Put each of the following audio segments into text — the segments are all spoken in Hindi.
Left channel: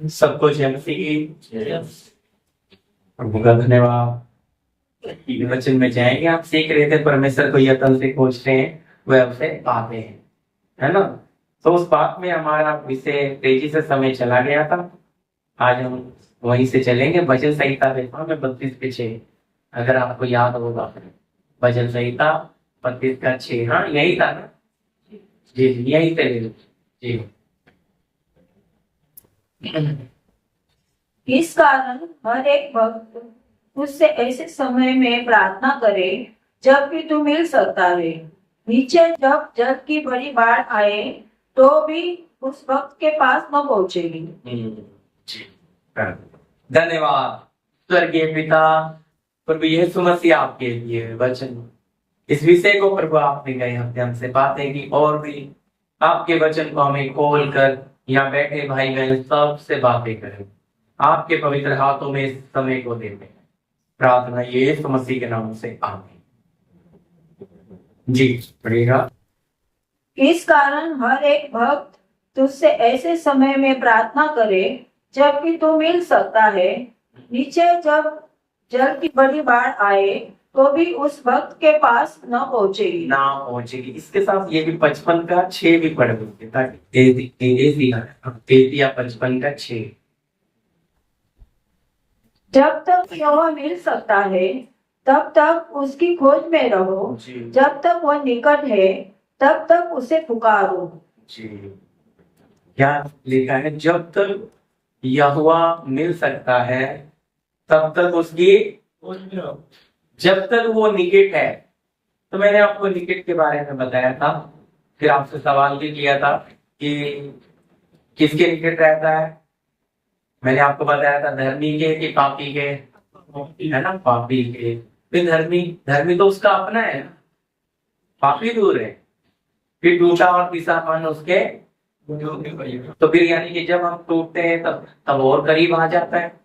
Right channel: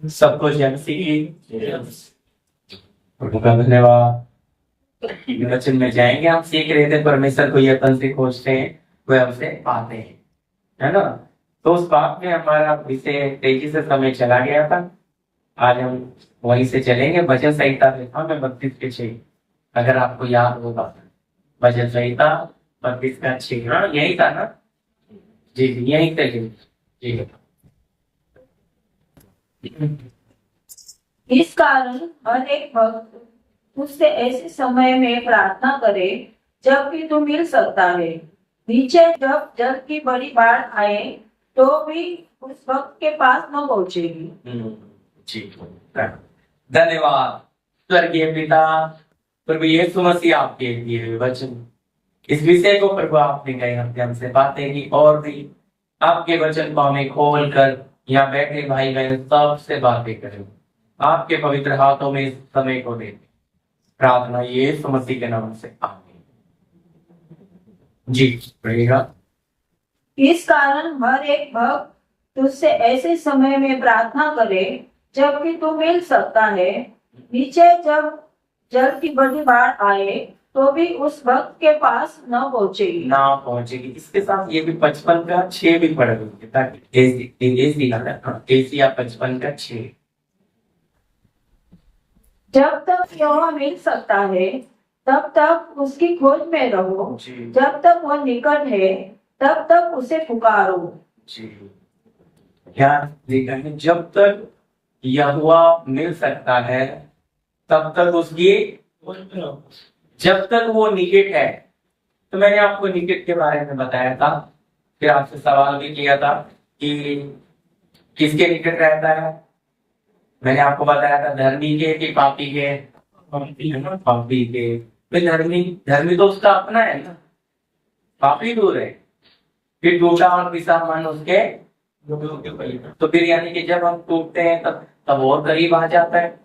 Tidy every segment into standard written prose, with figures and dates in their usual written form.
सबको जय मसीह। प्रभु का धन्यवाद। वचन में जाएंगे। आप सीख रहे थे परमेश्वर को यत्न से खोजते हैं, वे हमसे पाते हैं, है ना। तो उस बात में हमारा विषय तेजी से समय चला गया था। आज हम वहीं से चलेंगे। भजन संहिता देखा मैं 32 के 6, अगर आपको याद होगा। भजन संहिता 32 का 6, हाँ यही था ना जी, यही थे जी। इस कारण हर एक भक्त उससे ऐसे समय में प्रार्थना करे जबकि तू मिल सकता है। नीचे जब जल की बड़ी बाढ़ आए तो भी उस भक्त के पास न पहुंचेगी। जी, धन्यवाद स्वर्गीय पिता। प्रभु यीशु मसीह आपके लिए वचन, इस विषय को प्रभु आपने गए अध्ययन से बातें की, और भी आपके वचन को हमें खोल कर यहाँ बैठे भाई बहन सबसे बातें करें। आपके पवित्र हाथों में इस समय को देते हैं। प्रार्थना यीशु मसीह के नाम से, आमीन। जी पढ़ेगा। इस कारण हर एक भक्त तुझसे ऐसे समय में प्रार्थना करे जबकि तू मिल सकता है। नीचे जब जल की बड़ी बाढ़ आए तो भी उस भक्त के पास न पहुंचेगी। इसके साथ ये भी 55 का 6 भी पढ़ देंगे, ताकि एसी या 55 का 6। जब तक यह मिल सकता है तब तक उसकी खोज में रहो। जब तक वह निकट है तब तक उसे पुकारो। जी, क्या लिखा है? जब तक यहोवा मिल सकता है तब तक उसकी खोज में रहो, जब तक वो निकट है। तो मैंने आपको निकट के बारे में बताया था, फिर आपसे सवाल भी किया था कि किसके निकट रहता है। मैंने आपको बताया था धर्मी के कि पापी के, है ना, पापी के। फिर धर्मी, धर्मी तो उसका अपना है ना, पापी दूर है। फिर टूटा और पिसा मन उसके, तो फिर यानी कि जब हम टूटते हैं तब और करीब आ जाता है।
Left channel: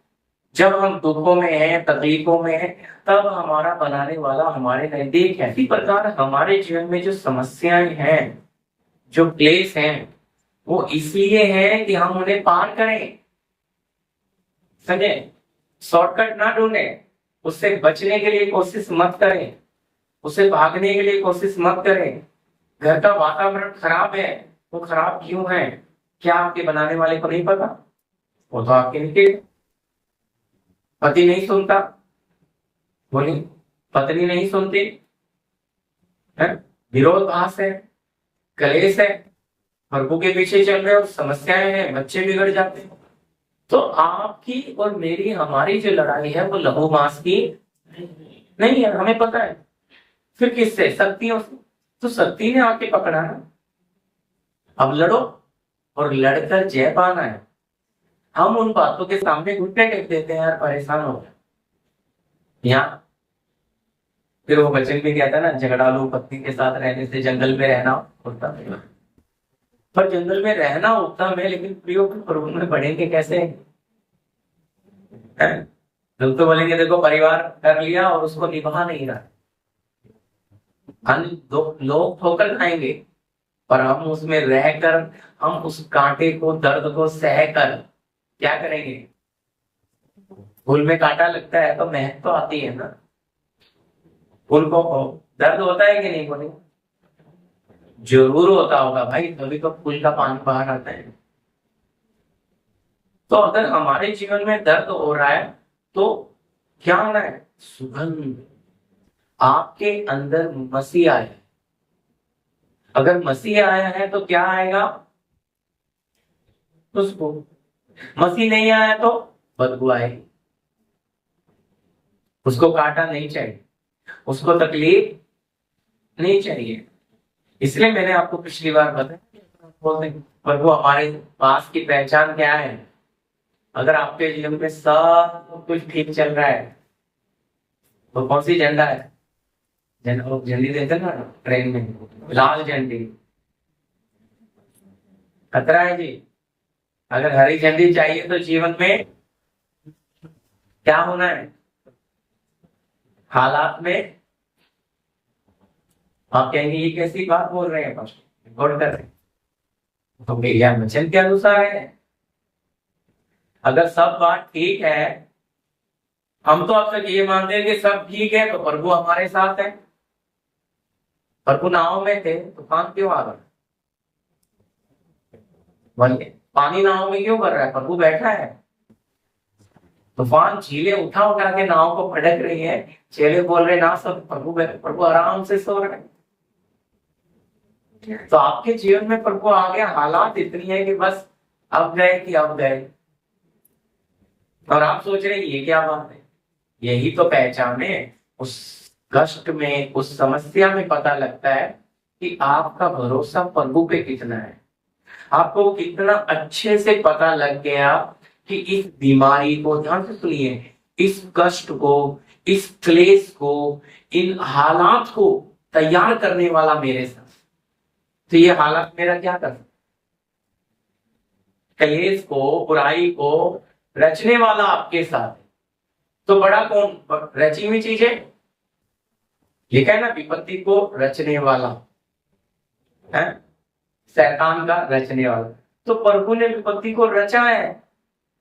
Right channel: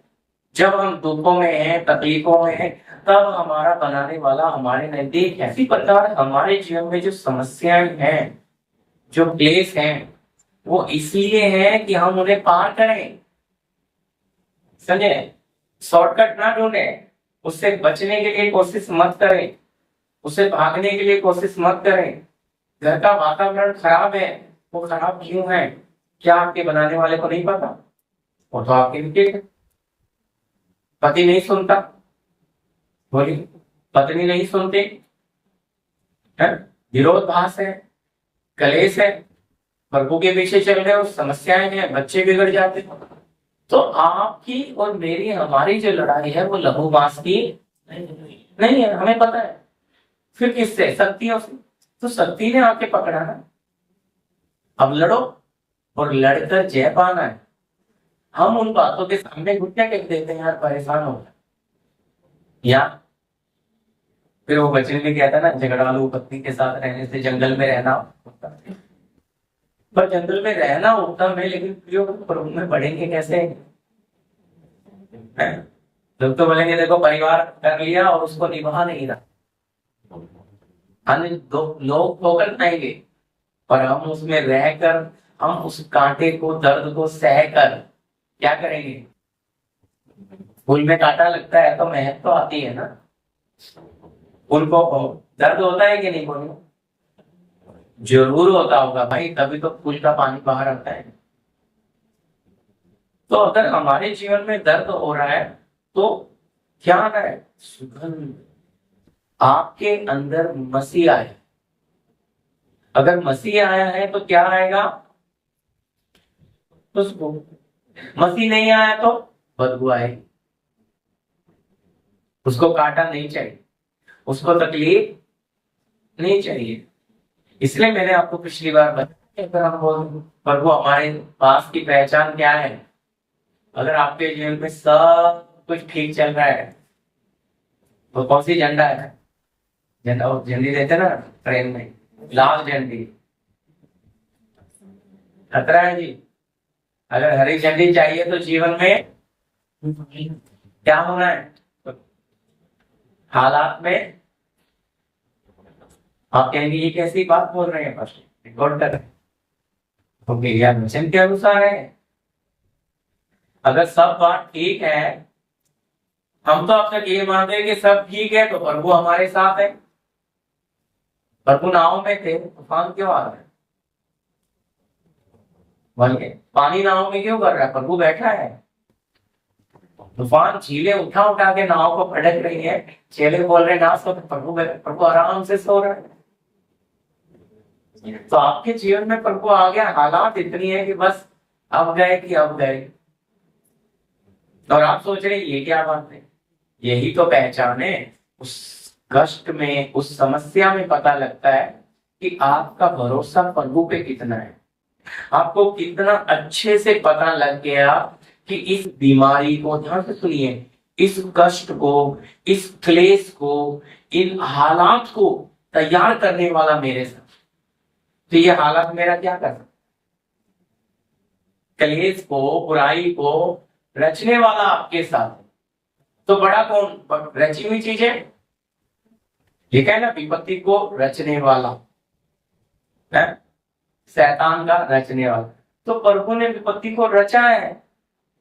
जब हम दुखों में हैं, तकलीफों में हैं, तब हमारा बनाने वाला हमारे नजदीक है। इसी प्रकार हमारे जीवन में जो समस्याएं हैं, जो क्लेश हैं, वो इसलिए हैं कि हम उन्हें पार करें। समझे? शॉर्टकट ना ढूंढे, उससे बचने के लिए कोशिश मत करें, उससे भागने के लिए कोशिश मत करें। घर का वातावरण खराब है, वो खराब क्यों है? क्या आपके बनाने वाले को नहीं पता? वो तो आपके नीचे। पति नहीं सुनता, बोली, पत्नी नहीं सुनती है, विरोधाभास है, कलेश है, प्रभु के पीछे चल रहे हो, समस्याएं हैं, बच्चे बिगड़ जाते हैं। तो आपकी और मेरी, हमारी जो लड़ाई है वो लहू मांस की नहीं है, हमें पता है। फिर किससे? शक्तियों से। तो शक्ति ने आके पकड़ा ना। अब लड़ो, और लड़कर जय पाना है। हम उन बातों के सामने घुटने टेक देते हैं यार, परेशान हो गए। या फिर वो वचन भी कहता है ना, झगड़ालू पत्नी के साथ रहने से जंगल में रहना उत्तम है। पर जंगल में रहना उत्तम है, लेकिन प्रियो प्रभु में बढ़ेंगे कैसे? लोग तो बोलेंगे देखो परिवार कर लिया और उसको निभा नहीं रहा। लोग ठोकर खाएंगे, पर हम उसमें रहकर, हम उस कांटे को, दर्द को सहकर क्या करेंगे? फूल में कांटा लगता है तो महक तो आती है ना। फूल को दर्द होता है कि नहीं? बोले जरूर होता होगा भाई, तभी तो फूल का पानी बाहर आता है। तो अगर हमारे जीवन में दर्द हो रहा है तो क्या आना है? सुगंध। आपके अंदर मसीह आया, अगर मसीह आया है तो क्या आएगा? उसको। मसीह नहीं आया तो बदबू आएगी। उसको कांटा नहीं चाहिए, उसको तकलीफ नहीं चाहिए। इसलिए मैंने आपको पिछली बार बताया कि अगर हम बोलते हैं प्रभु हमारे पास की पहचान क्या है, अगर आपके जीवन में सब कुछ ठीक चल रहा है तो कौन सी झंडा है? झंडी देते ना ट्रेन में, लाल झंडी, खतरा है जी। अगर हरी झंडी चाहिए तो जीवन में क्या होना है? हालात में आप कहेंगे ये कैसी बात बोल रहे हैं, फर्स्ट रिकॉर्ड कर रहे हैं तो मेरा वचन के अनुसार है। अगर सब बात ठीक है, हम तो अब तक ये मानते हैं कि सब ठीक है, तो प्रभु हमारे साथ है। प्रभु नाव में थे, तूफान क्यों आ रहा है? बोलिए, पानी नाव में क्यों कर रहा है? प्रभु बैठा है। तूफान झीलें उठा उठा के नाव को पटक रही है, चेले बोल रहे ना सो, प्रभु आराम से सो रहा है। तो आपके जीवन में प्रभु आ गया, हालात इतनी है कि बस अब गए कि अब गए, और आप सोच रहे ये क्या बात है? यही तो पहचान है। उस कष्ट में, उस समस्या में पता लगता है कि आपका भरोसा प्रभु पे कितना है। आपको कितना अच्छे से पता लग गया कि इस बीमारी को, ध्यान से सुनिए, इस कष्ट को, इस क्लेश को, इन हालात को तैयार करने वाला मेरे साथ। तो ये हालात मेरा क्या कर सकता? क्लेश को, बुराई को रचने वाला आपके साथ है, तो बड़ा कौन? रची हुई चीजें लिखा है ना, विपत्ति को रचने वाला है, शैतान का रचने वाला। तो प्रभु ने विपत्ति को रचा है।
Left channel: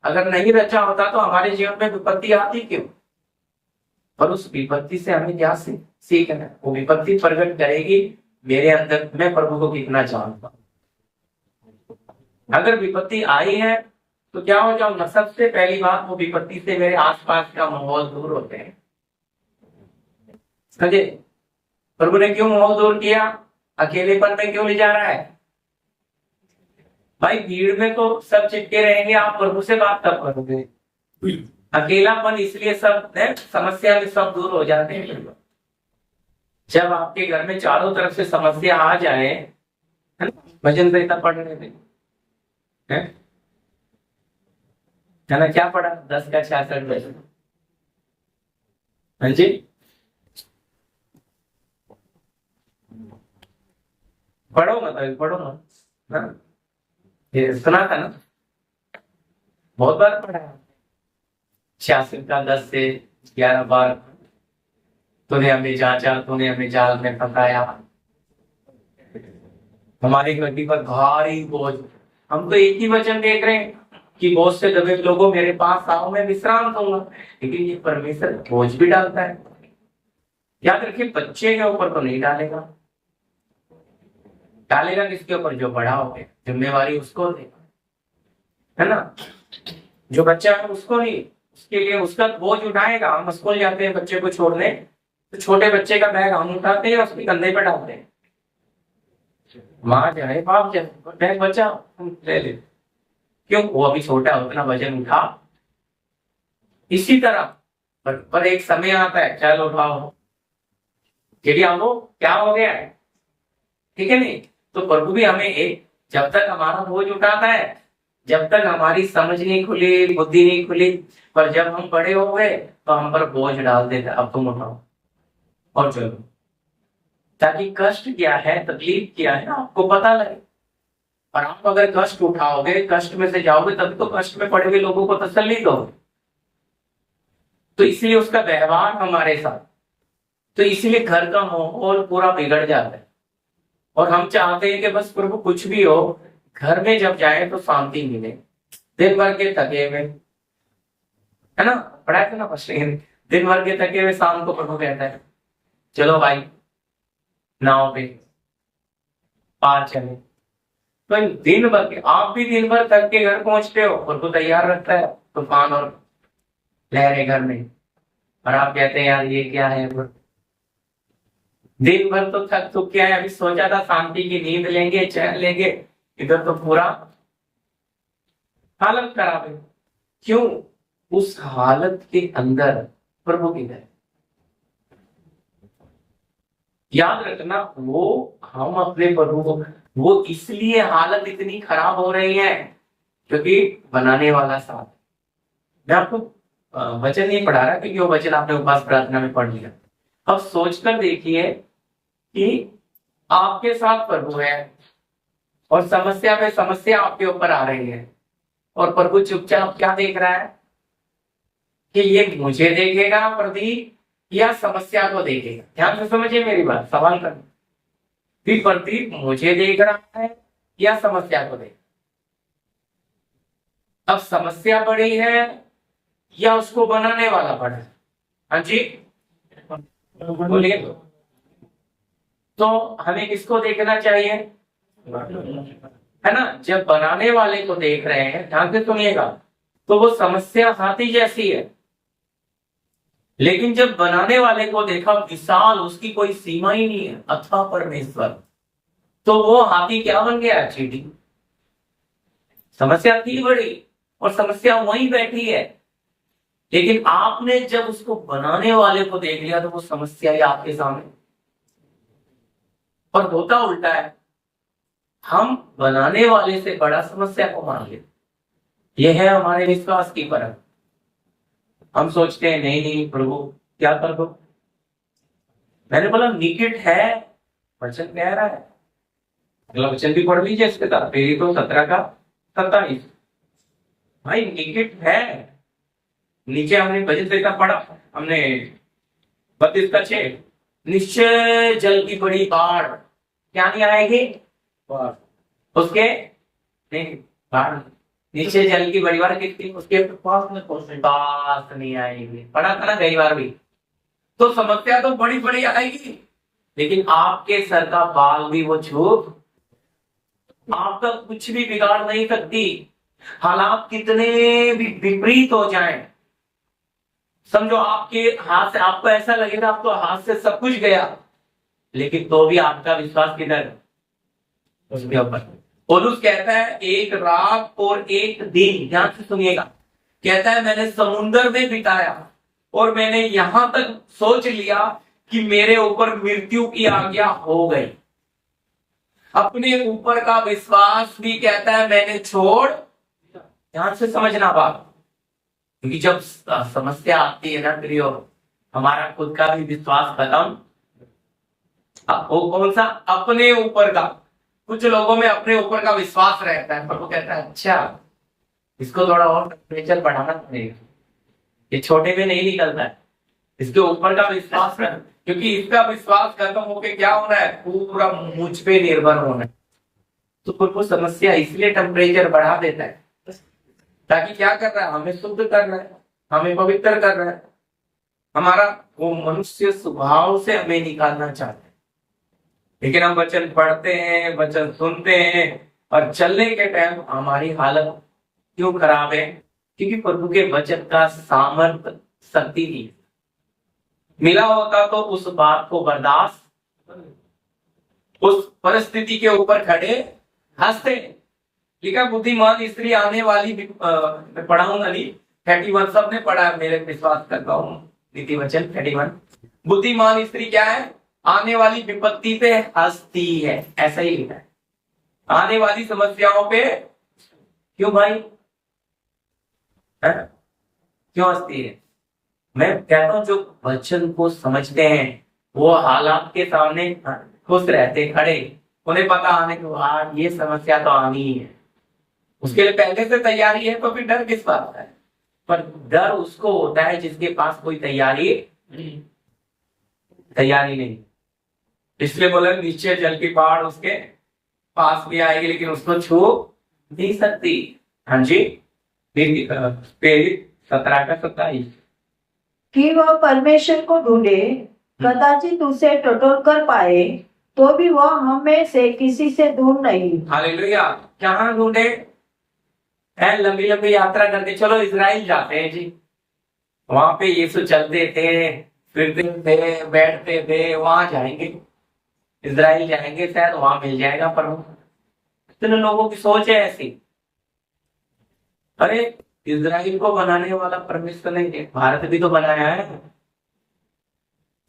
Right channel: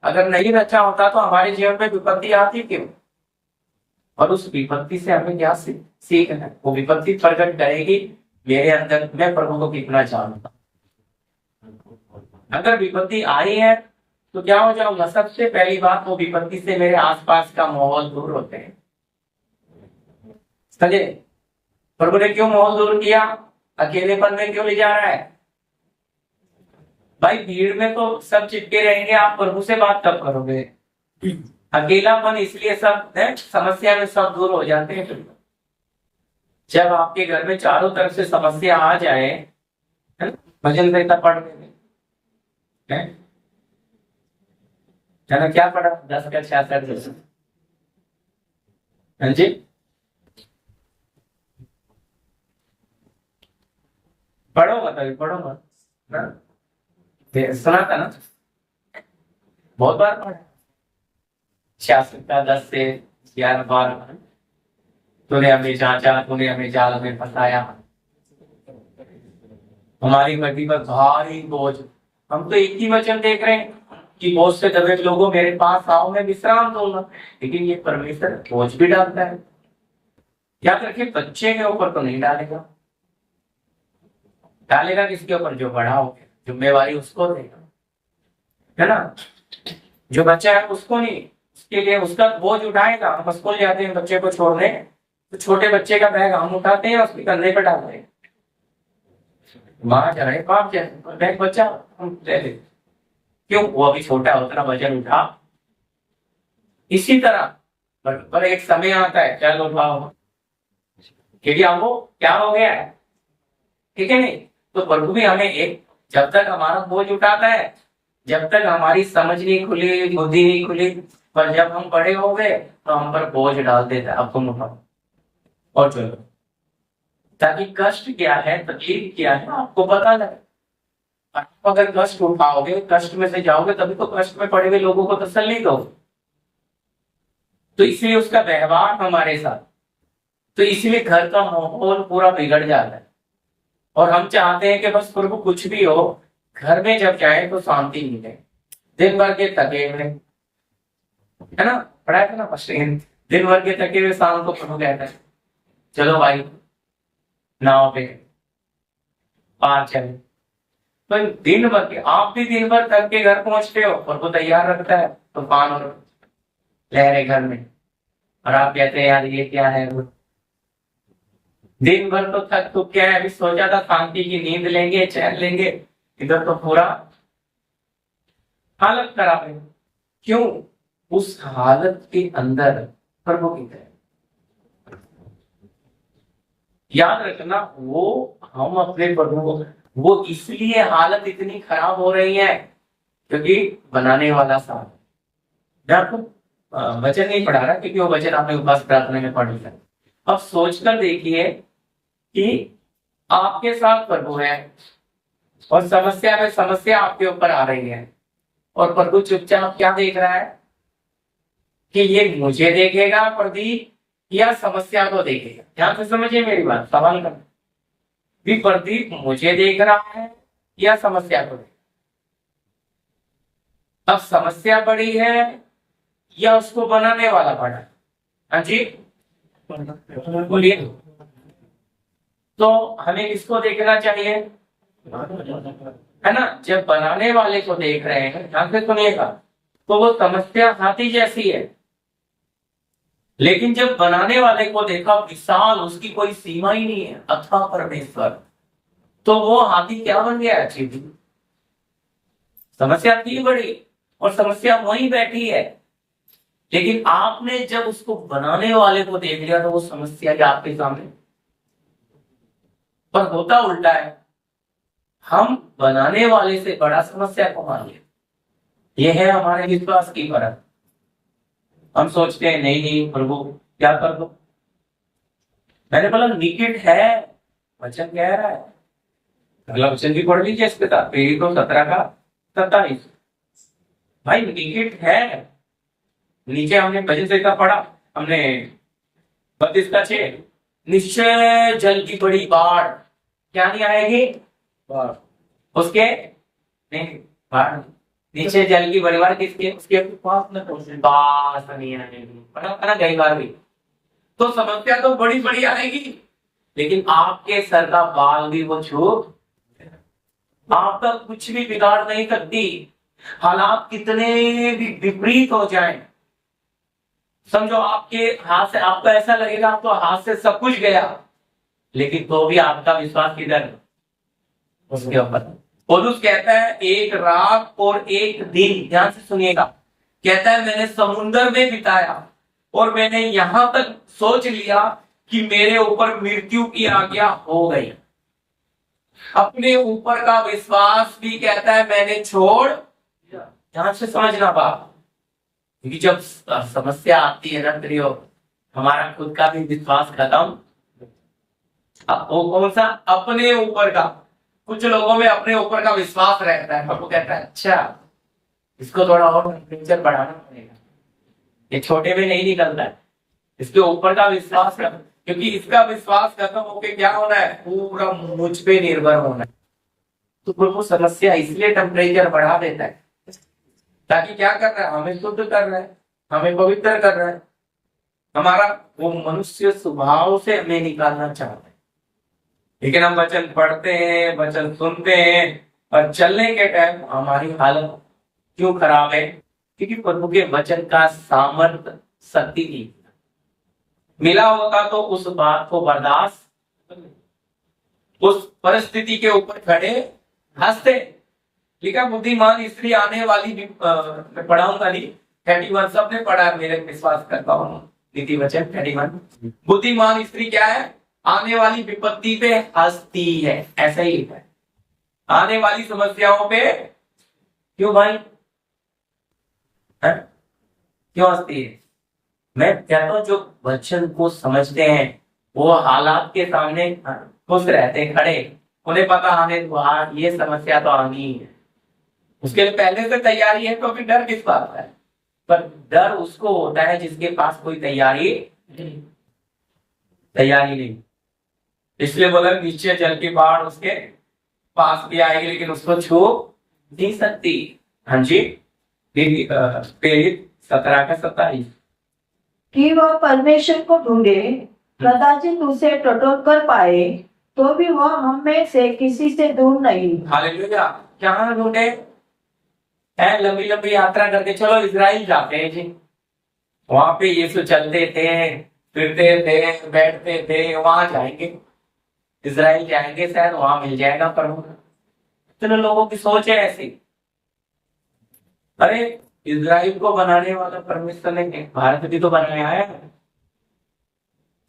अगर नहीं रचा होता तो हमारे जीवन में विपत्ति आती क्यों? और उस विपत्ति से हमें क्या सीखना है? वो विपत्ति प्रकट करेगी मेरे अंदर मैं प्रभु को कितना जानता। अगर विपत्ति आई है तो क्या हो जाऊंगा? सबसे पहली बात, वो विपत्ति से मेरे आसपास का माहौल दूर होते हैं। समझे? प्रभु ने क्यों माहौल दूर किया? अकेलेपन में क्यों ले जा रहा है? भाई भीड़ में तो सब चिपके रहेंगे, आप प्रभु से बात कब करोगे? अकेलापन इसलिए सब समस्या में सब दूर हो जाते हैं। जब आपके घर में चारों तरफ से समस्या आ जाए, है ना, भजन संहिता पढ़ने में है ना, क्या पढ़ा? 10 का 66। हाँ जी, पढ़ो मत, अभी पढ़ो मत ना, सुना था ना, बहुत बार पढ़ा। 66 का 10 से 11 बार। तूने हमें जांचा, तूने हमें जाल में फंसाया, हमारी गड्डी पर भारी बोझ। हम तो एक ही वचन देख रहे हैं कि बोझ से दबे लोगों मेरे पास आओ, मैं विश्राम दूंगा। लेकिन ये परमेश्वर बोझ भी डालता है। याद रखिए, बच्चे के ऊपर तो नहीं डालेगा। डालेगा किसके ऊपर? जो बड़ा हो गया, जिम्मेवारी उसको देगा, है ना। जो बच्चा है उसको नहीं, उसके लिए उसका बोझ उठाएगा। हम स्कूल जाते हैं बच्चे को छोड़ने, तो छोटे बच्चे का बैग हम उठाते हैं, उसके कंधे पर डालते हैं। माँ चाहे बाप चाहे, बैग बच्चा ले ले, क्यों? वो अभी छोटा है, उतना वजन उठा। इसी तरह पर एक समय आता है, चलो उठाओ, क्योंकि हमको क्या हो गया है, ठीक है नहीं? तो प्रभु भी हमें एक, जब तक हमारा बोझ उठाता है, जब तक हमारी समझ नहीं खुली, बुद्धि नहीं खुली, पर जब हम बड़े हो गए तो हम पर बोझ डाल देता, अब तुम उठाओ और चलो, ताकि कष्ट क्या है, तकलीफ क्या है आपको पता लगे। और आप अगर कष्ट उठाओगे, कष्ट में से जाओगे, तभी तो कष्ट में पड़े हुए लोगों को तसल्ली दोगे। तो इसलिए उसका व्यवहार हमारे साथ, तो इसलिए घर का माहौल पूरा बिगड़ जाता है। और हम चाहते हैं कि बस प्रभु कुछ भी हो, घर में जब जाए तो शांति मिले। दिन भर के थके हुए, है ना, पढ़ा था ना फर्स्ट, दिन भर के थके हुए शाम को प्रभु कहता है चलो भाई नाव पे पार चले। तो दिन भर के, आप भी दिन भर थक के घर पहुंचते हो, प्रभु तैयार रखता है तूफान और लहरें घर में, और आप कहते हैं यार ये क्या है? वो दिन भर तो थक तो क्या है, अभी सोचा था शांति की नींद लेंगे, चैन लेंगे, इधर तो पूरा हालत खराब है। क्यों? उस हालत के अंदर प्रभु की है। याद रखना, वो हम अपने प्रभु को, वो इसलिए हालत इतनी खराब हो रही है क्योंकि बनाने वाला साथ। मैं आपको वचन नहीं पढ़ा रहा क्योंकि वो वचन आपने उपवास प्रार्थना में पढ़ लिया। अब सोचकर देखिए कि आपके साथ प्रभु है और समस्या में समस्या आपके ऊपर आ रही है, और प्रभु चुपचाप क्या देख रहा है कि ये मुझे देखेगा प्रदीप या समस्या को देखेगा। ध्यान से समझिए मेरी बात, सवाल कर भी, प्रदीप मुझे देख रहा है या समस्या को देख? अब समस्या बड़ी है या उसको बनाने वाला बड़ा है? हाँ जी बोलिए। तो हमें किसको देखना चाहिए? है ना, जब बनाने वाले को देख रहे हैं, ध्यान से सुनिएगा, तो वो समस्या हाथी जैसी है, लेकिन जब बनाने वाले को देखा विशाल, उसकी कोई सीमा ही नहीं है, अथाह परमेश्वर, तो वो हाथी क्या बन गया? चींटी। समस्या थी बड़ी और समस्या वहीं बैठी है, लेकिन आपने जब उसको बनाने वाले को देख लिया तो वो समस्या ही आपके सामने। पर होता उल्टा है, हम बनाने वाले से बड़ा समस्या को मान लेते। यह है हमारे विश्वास की परख। हम सोचते हैं नहीं नहीं प्रभु क्या कर दो। मैंने बोला निकट है, वचन कह रहा है। अगला वचन भी पढ़ लीजिए इसके साथ, प्रेरित को 17 का 27। भाई निकट है। नीचे हमने भजन से पढ़ा, हमने 32 का 6, निश्चय जल की बड़ी बाढ़ क्या नहीं आएगी? उसके नहीं, बाढ़ नीचे जल की बड़ी बाढ़ किसके? उसके पास नहीं आएगी। पढ़ा था ना कई बार भी। तो समस्या तो बड़ी बड़ी आएगी, लेकिन आपके सर का बाल भी वो छू आपका कुछ भी बिगाड़ नहीं सकती। हालात कितने भी विपरीत हो जाएं, समझो आपके हाथ से, आपको ऐसा लगेगा आप तो हाथ से सब कुछ गया, लेकिन तो भी आपका विश्वास किधर? उसके ऊपर। पौलुस कहता है एक रात और एक दिन, ध्यान से सुनिएगा, कहता है मैंने समुद्र में बिताया और मैंने यहां तक सोच लिया कि मेरे ऊपर मृत्यु की आज्ञा हो गई। अपने ऊपर का विश्वास भी कहता है मैंने छोड़। ध्यान से समझना बात, क्योंकि जब समस्या आती है ना प्रियो, हमारा खुद का भी विश्वास खत्म। वो कौन सा? अपने ऊपर का। कुछ लोगों में अपने ऊपर का विश्वास रहता है, पर वो कहता है अच्छा इसको थोड़ा और टेम्परेचर बढ़ाना पड़ेगा, ये छोटे में नहीं निकलता है, इसके ऊपर का विश्वास कर, क्योंकि इसका विश्वास खत्म होके क्या होना है? पूरा मुझ पे निर्भर होना है। तो फिर वो समस्या इसलिए टेम्परेचर बढ़ा देता है, ताकि क्या कर रहा है? हमें शुद्ध कर रहा है, हमें पवित्र कर रहा है। हमारा वो मनुष्य स्वभाव से हमें निकालना चाहता है। लेकिन हम वचन पढ़ते हैं, वचन सुनते हैं, और चलने के टाइम हमारी हालत क्यों खराब है? क्योंकि प्रभु के वचन का सामर्थ शक्ति नहीं मिला होता, तो उस बात को बर्दाश्त, उस परिस्थिति के ऊपर खड़े हंसते। लिखा बुद्धिमान स्त्री आने वाली, पढ़ाऊंगा नहीं, 31 सबने पढ़ा है, मेरे विश्वास करता हूँ, नीति वचन 31। बुद्धिमान स्त्री क्या है? आने वाली विपत्ति पे हंसती है, ऐसा ही लिखा है। आने वाली समस्याओं पे क्यों भाई है? क्यों हंसती है? मैं कहता हूं जो वचन को समझते हैं वो हालात के सामने खुश रहते, खड़े, उन्हें पता आने दो आज ये समस्या तो आनी ही है, उसके लिए पहले से तैयारी है, तो फिर डर किस बात का है? पर डर उसको होता है जिसके पास कोई तैयारी नहीं। इसलिए बोला नीचे जल की बाढ़ उसके पास भी आएगी, लेकिन उसको छू नहीं सकती। हाँ जी, प्रेरित 17 का 27। कि वह परमेश्वर को ढूंढे, कदाचित उसे टटोल कर पाए, तो भी वह हम में से किसी से दूर नहीं। हालेलुया। कहाँ ढूंढे? लंबी लंबी यात्रा करते, चलो इजराइल जाते हैं जी, वहां पे यीशु चलते थे, फिरते थे, बैठते थे, वहां जाएंगे, इजराइल जाएंगे, शायद वहां मिल जाएगा प्रभु। इतने लोगों की सोच है ऐसी। अरे इजराइल को बनाने वाला परमेश्वर ने भारत भी तो बनाया है,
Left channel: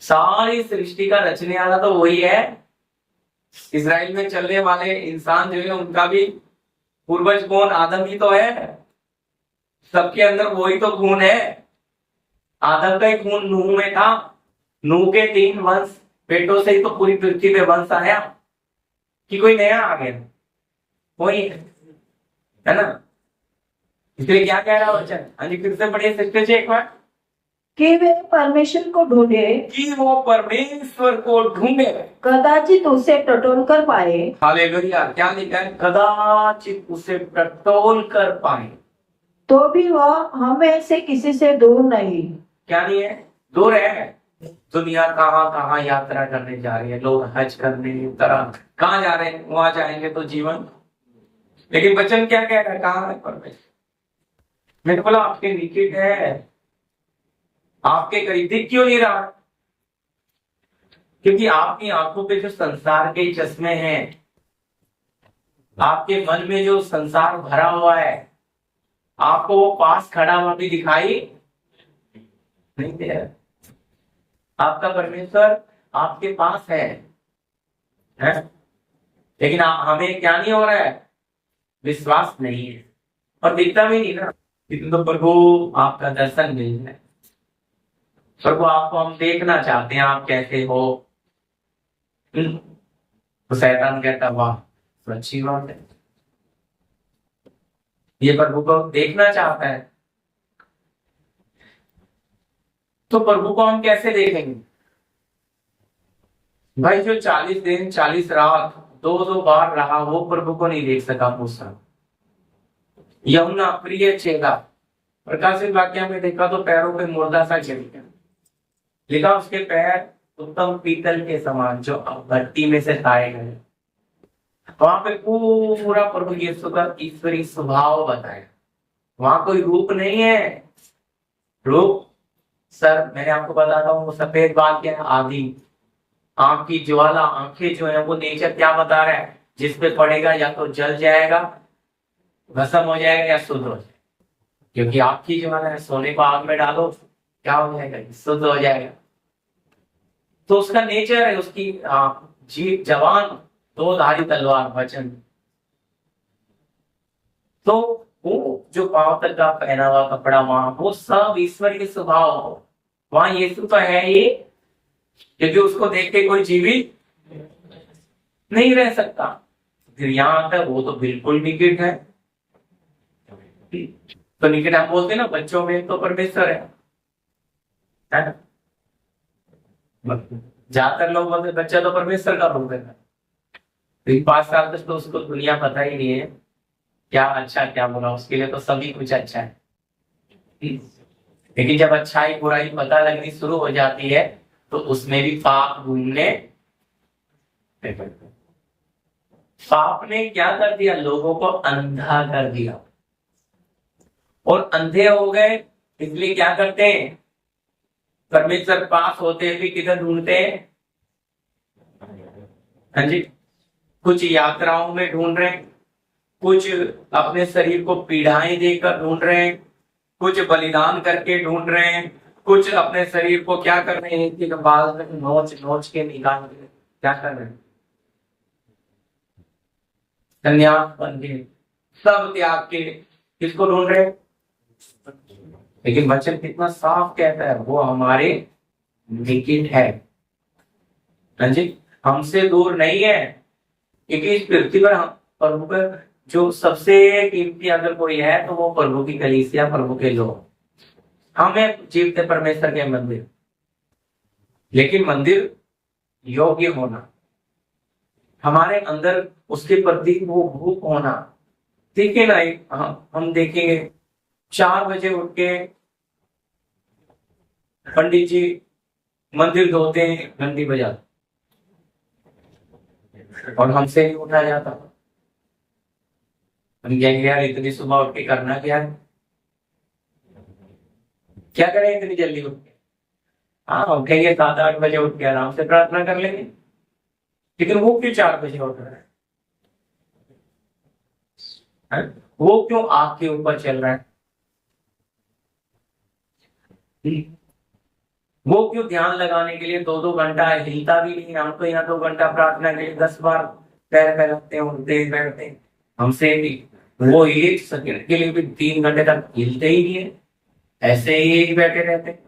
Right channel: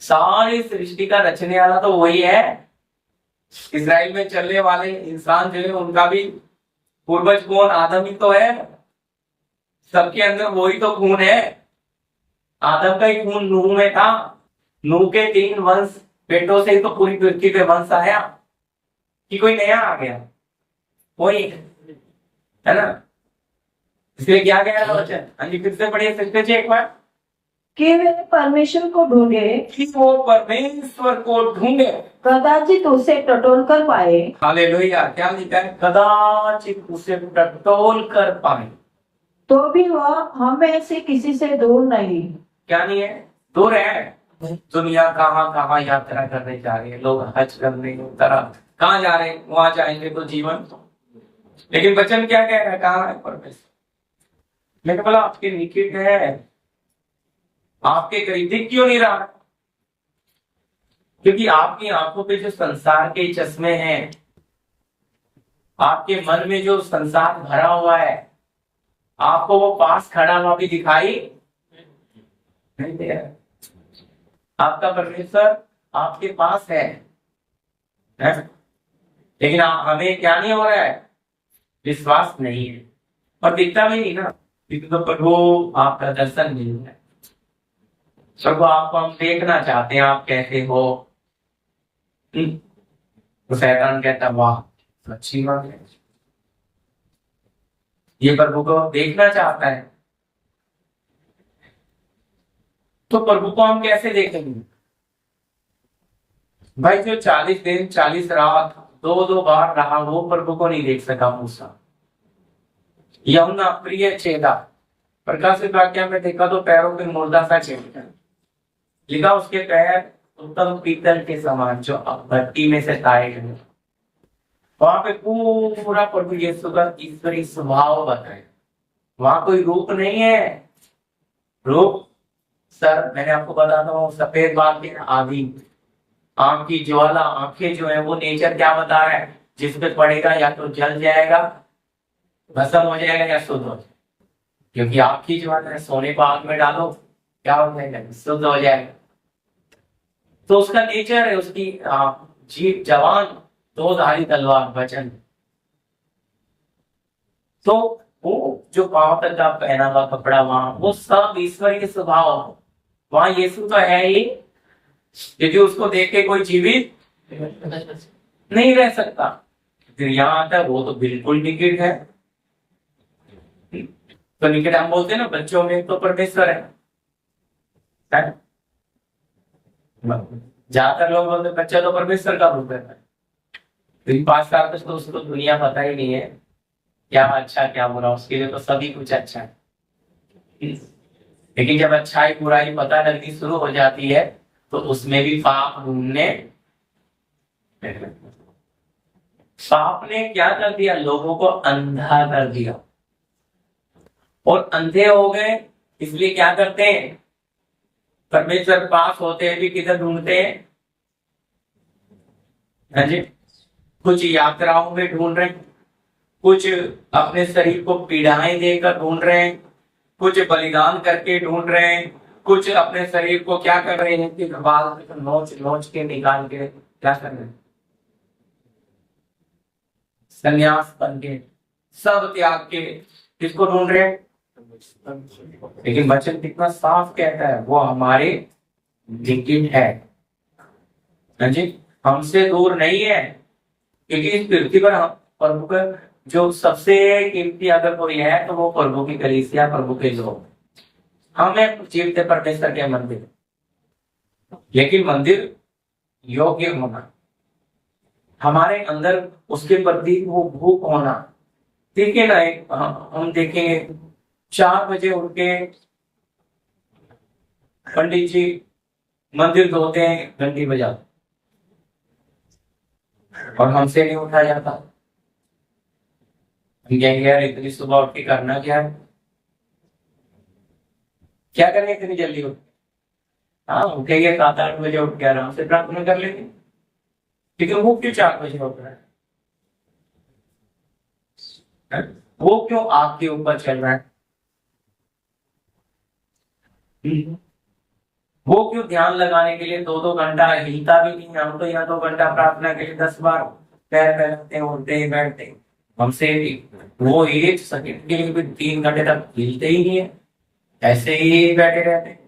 सारी सृष्टि का रचने वाला तो वही है। इजराइल में चलने वाले इंसान जो है उनका भी पूर्वज कौन? आदम ही तो है, सबके अंदर वही तो खून है। आदम का ही खून नूह में था, नूह के 3 वंश बेटों से ही तो पूरी पृथ्वी पे वंश आया, कि कोई नया आ गया? वही है ना। इसलिए क्या कह रहा वचन? हाँ जी, फिर से पढ़िए सकते थे एक बार। कि वे परमेश्वर को ढूंढे, कि वो परमेश्वर को ढूंढे, कदाचित उसे टटोल कर पाए। हालेलुया। क्या लिखा है? कदाचित उसे टटोल कर पाए। तो भी वह हमें से किसी से दूर नहीं। क्या नहीं है? दूर है। दुनिया कहाँ कहाँ यात्रा करने जा रही है, लोग हज करने तरह कहाँ जा रहे हैं, वहां जाएंगे तो जीवन। लेकिन वचन क्या कह रहा है, कहाँ है परमेश्वर? मैंने बोला आपके निकट है, आपके करीब दिख क्यों नहीं रहा? क्योंकि आपकी आंखों पे जो संसार के चश्मे हैं, आपके मन में जो संसार भरा हुआ है, आपको वो पास खड़ा हुआ भी दिखाई नहीं दे रहा। आपका परमेश्वर आपके पास है? लेकिन हमें क्या नहीं हो रहा है? विश्वास नहीं है और दिखता भी नहीं ना। लेकिन तो प्रभु आपका दर्शन नहीं है। प्रभु आपको हम देखना चाहते हैं, आप कैसे हो। तो शैतान कहता वाह तो अच्छी बात है, ये प्रभु को देखना चाहता है। तो प्रभु को हम कैसे देखेंगे भाई? जो 40 दिन 40 रात दो दो बार रहा, वो प्रभु को नहीं देख सका मूसा। यमुना प्रिय चेला प्रकाशित वाक्य में देखा तो पैरों पे मुर्दा सा चिपका लिखा, उसके पैर उत्तम पीतल के समान जो अब भट्टी में से ताए गए। वहां पे पूरा प्रभु यीशु का ईश्वरी स्वभाव बताया। वहां कोई रूप नहीं है। रूप सर मैंने आपको बताता हूँ, सफेद बाल के आदि आंख की ज्वाला, आंखें जो है वो नेचर क्या बता रहा है, जिसपे पड़ेगा या तो जल जाएगा, भस्म हो जाएगा या शुद्ध हो जाएगा। क्योंकि आंख की ज्वाला है, सोने को आग में डालो क्या हो जाएगा, शुद्ध हो जाएगा। तो उसका नेचर है, उसकी जीव जवान दो धारी तलवार वचन। तो वो जो पांव तक का पहना हुआ कपड़ा, वहां वो सब ईश्वरीय स्वभाव हो। वहां यीशु तो है ही, क्योंकि उसको देख के कोई जीवित नहीं रह सकता। यहाँ आता है वो तो बिल्कुल निकट है। तो निकट हम बोलते हैं ना, बच्चों में तो परमेश्वर है ना? ज्यादातर लोग बोलते बच्चा तो परमेश्वर का रूप है। 5 साल तक तो उसको दुनिया पता ही नहीं है क्या अच्छा क्या बुरा, उसके लिए तो सभी कुछ अच्छा है। लेकिन जब अच्छाई बुराई पता लगनी शुरू हो जाती है तो उसमें भी पाप ढूंढने। पाप ने क्या कर दिया, लोगों को अंधा कर दिया, और अंधे हो गए इसलिए क्या करते हैं, परमेश्वर पास होते हैं भी किधर ढूंढते हैं? हाँ जी, कुछ यात्राओं में ढूंढ रहे हैं, कुछ अपने शरीर को पीड़ाएं देकर ढूंढ रहे हैं, कुछ बलिदान करके ढूंढ रहे हैं, कुछ अपने शरीर को क्या कर रहे हैं कि बाल नोच नोच के निकाल के क्या कर रहे हैं, संन्यास बन के सब त्याग के किसको ढूंढ रहे हैं? लेकिन वचन कितना साफ कहता है, वो हमारे निकट है। हाँ जी, हमसे दूर नहीं है। क्योंकि इस पृथ्वी पर प्रभु का जो सबसे कीमती अगर कोई है तो वो प्रभु की कलीसिया, प्रभु के लोग। हमें जीवते परमेश्वर के मंदिर, लेकिन मंदिर योग्य होना, हमारे अंदर उसके प्रति वो भूख होना। ठीक है ना? हम देखेंगे 4 बजे उठ के पंडित जी मंदिर धोते हैं, घंटी बजा, और हमसे नहीं उठा जाता। हम कहेंगे यार इतनी सुबह उठ के करना क्या है, क्या करें इतनी जल्दी उठ के? हाँ उठेंगे 7-8 बजे उठ के आराम से प्रार्थना कर लेंगे। लेकिन वो क्यों 4 बजे उठ रहा है? वो क्यों आग के ऊपर चल रहा है? वो क्यों ध्यान लगाने के लिए 2-2 घंटा हिलता भी नहीं? हम तो यहाँ 2 घंटा प्रार्थना के लिए 10 बार पैर फैलाते हैं, उठते हैं, बैठते हैं। हमसे वो 1 सेकंड के लिए भी 3 घंटे तक हिलते ही नहीं है, ऐसे ही बैठे रहते हैं।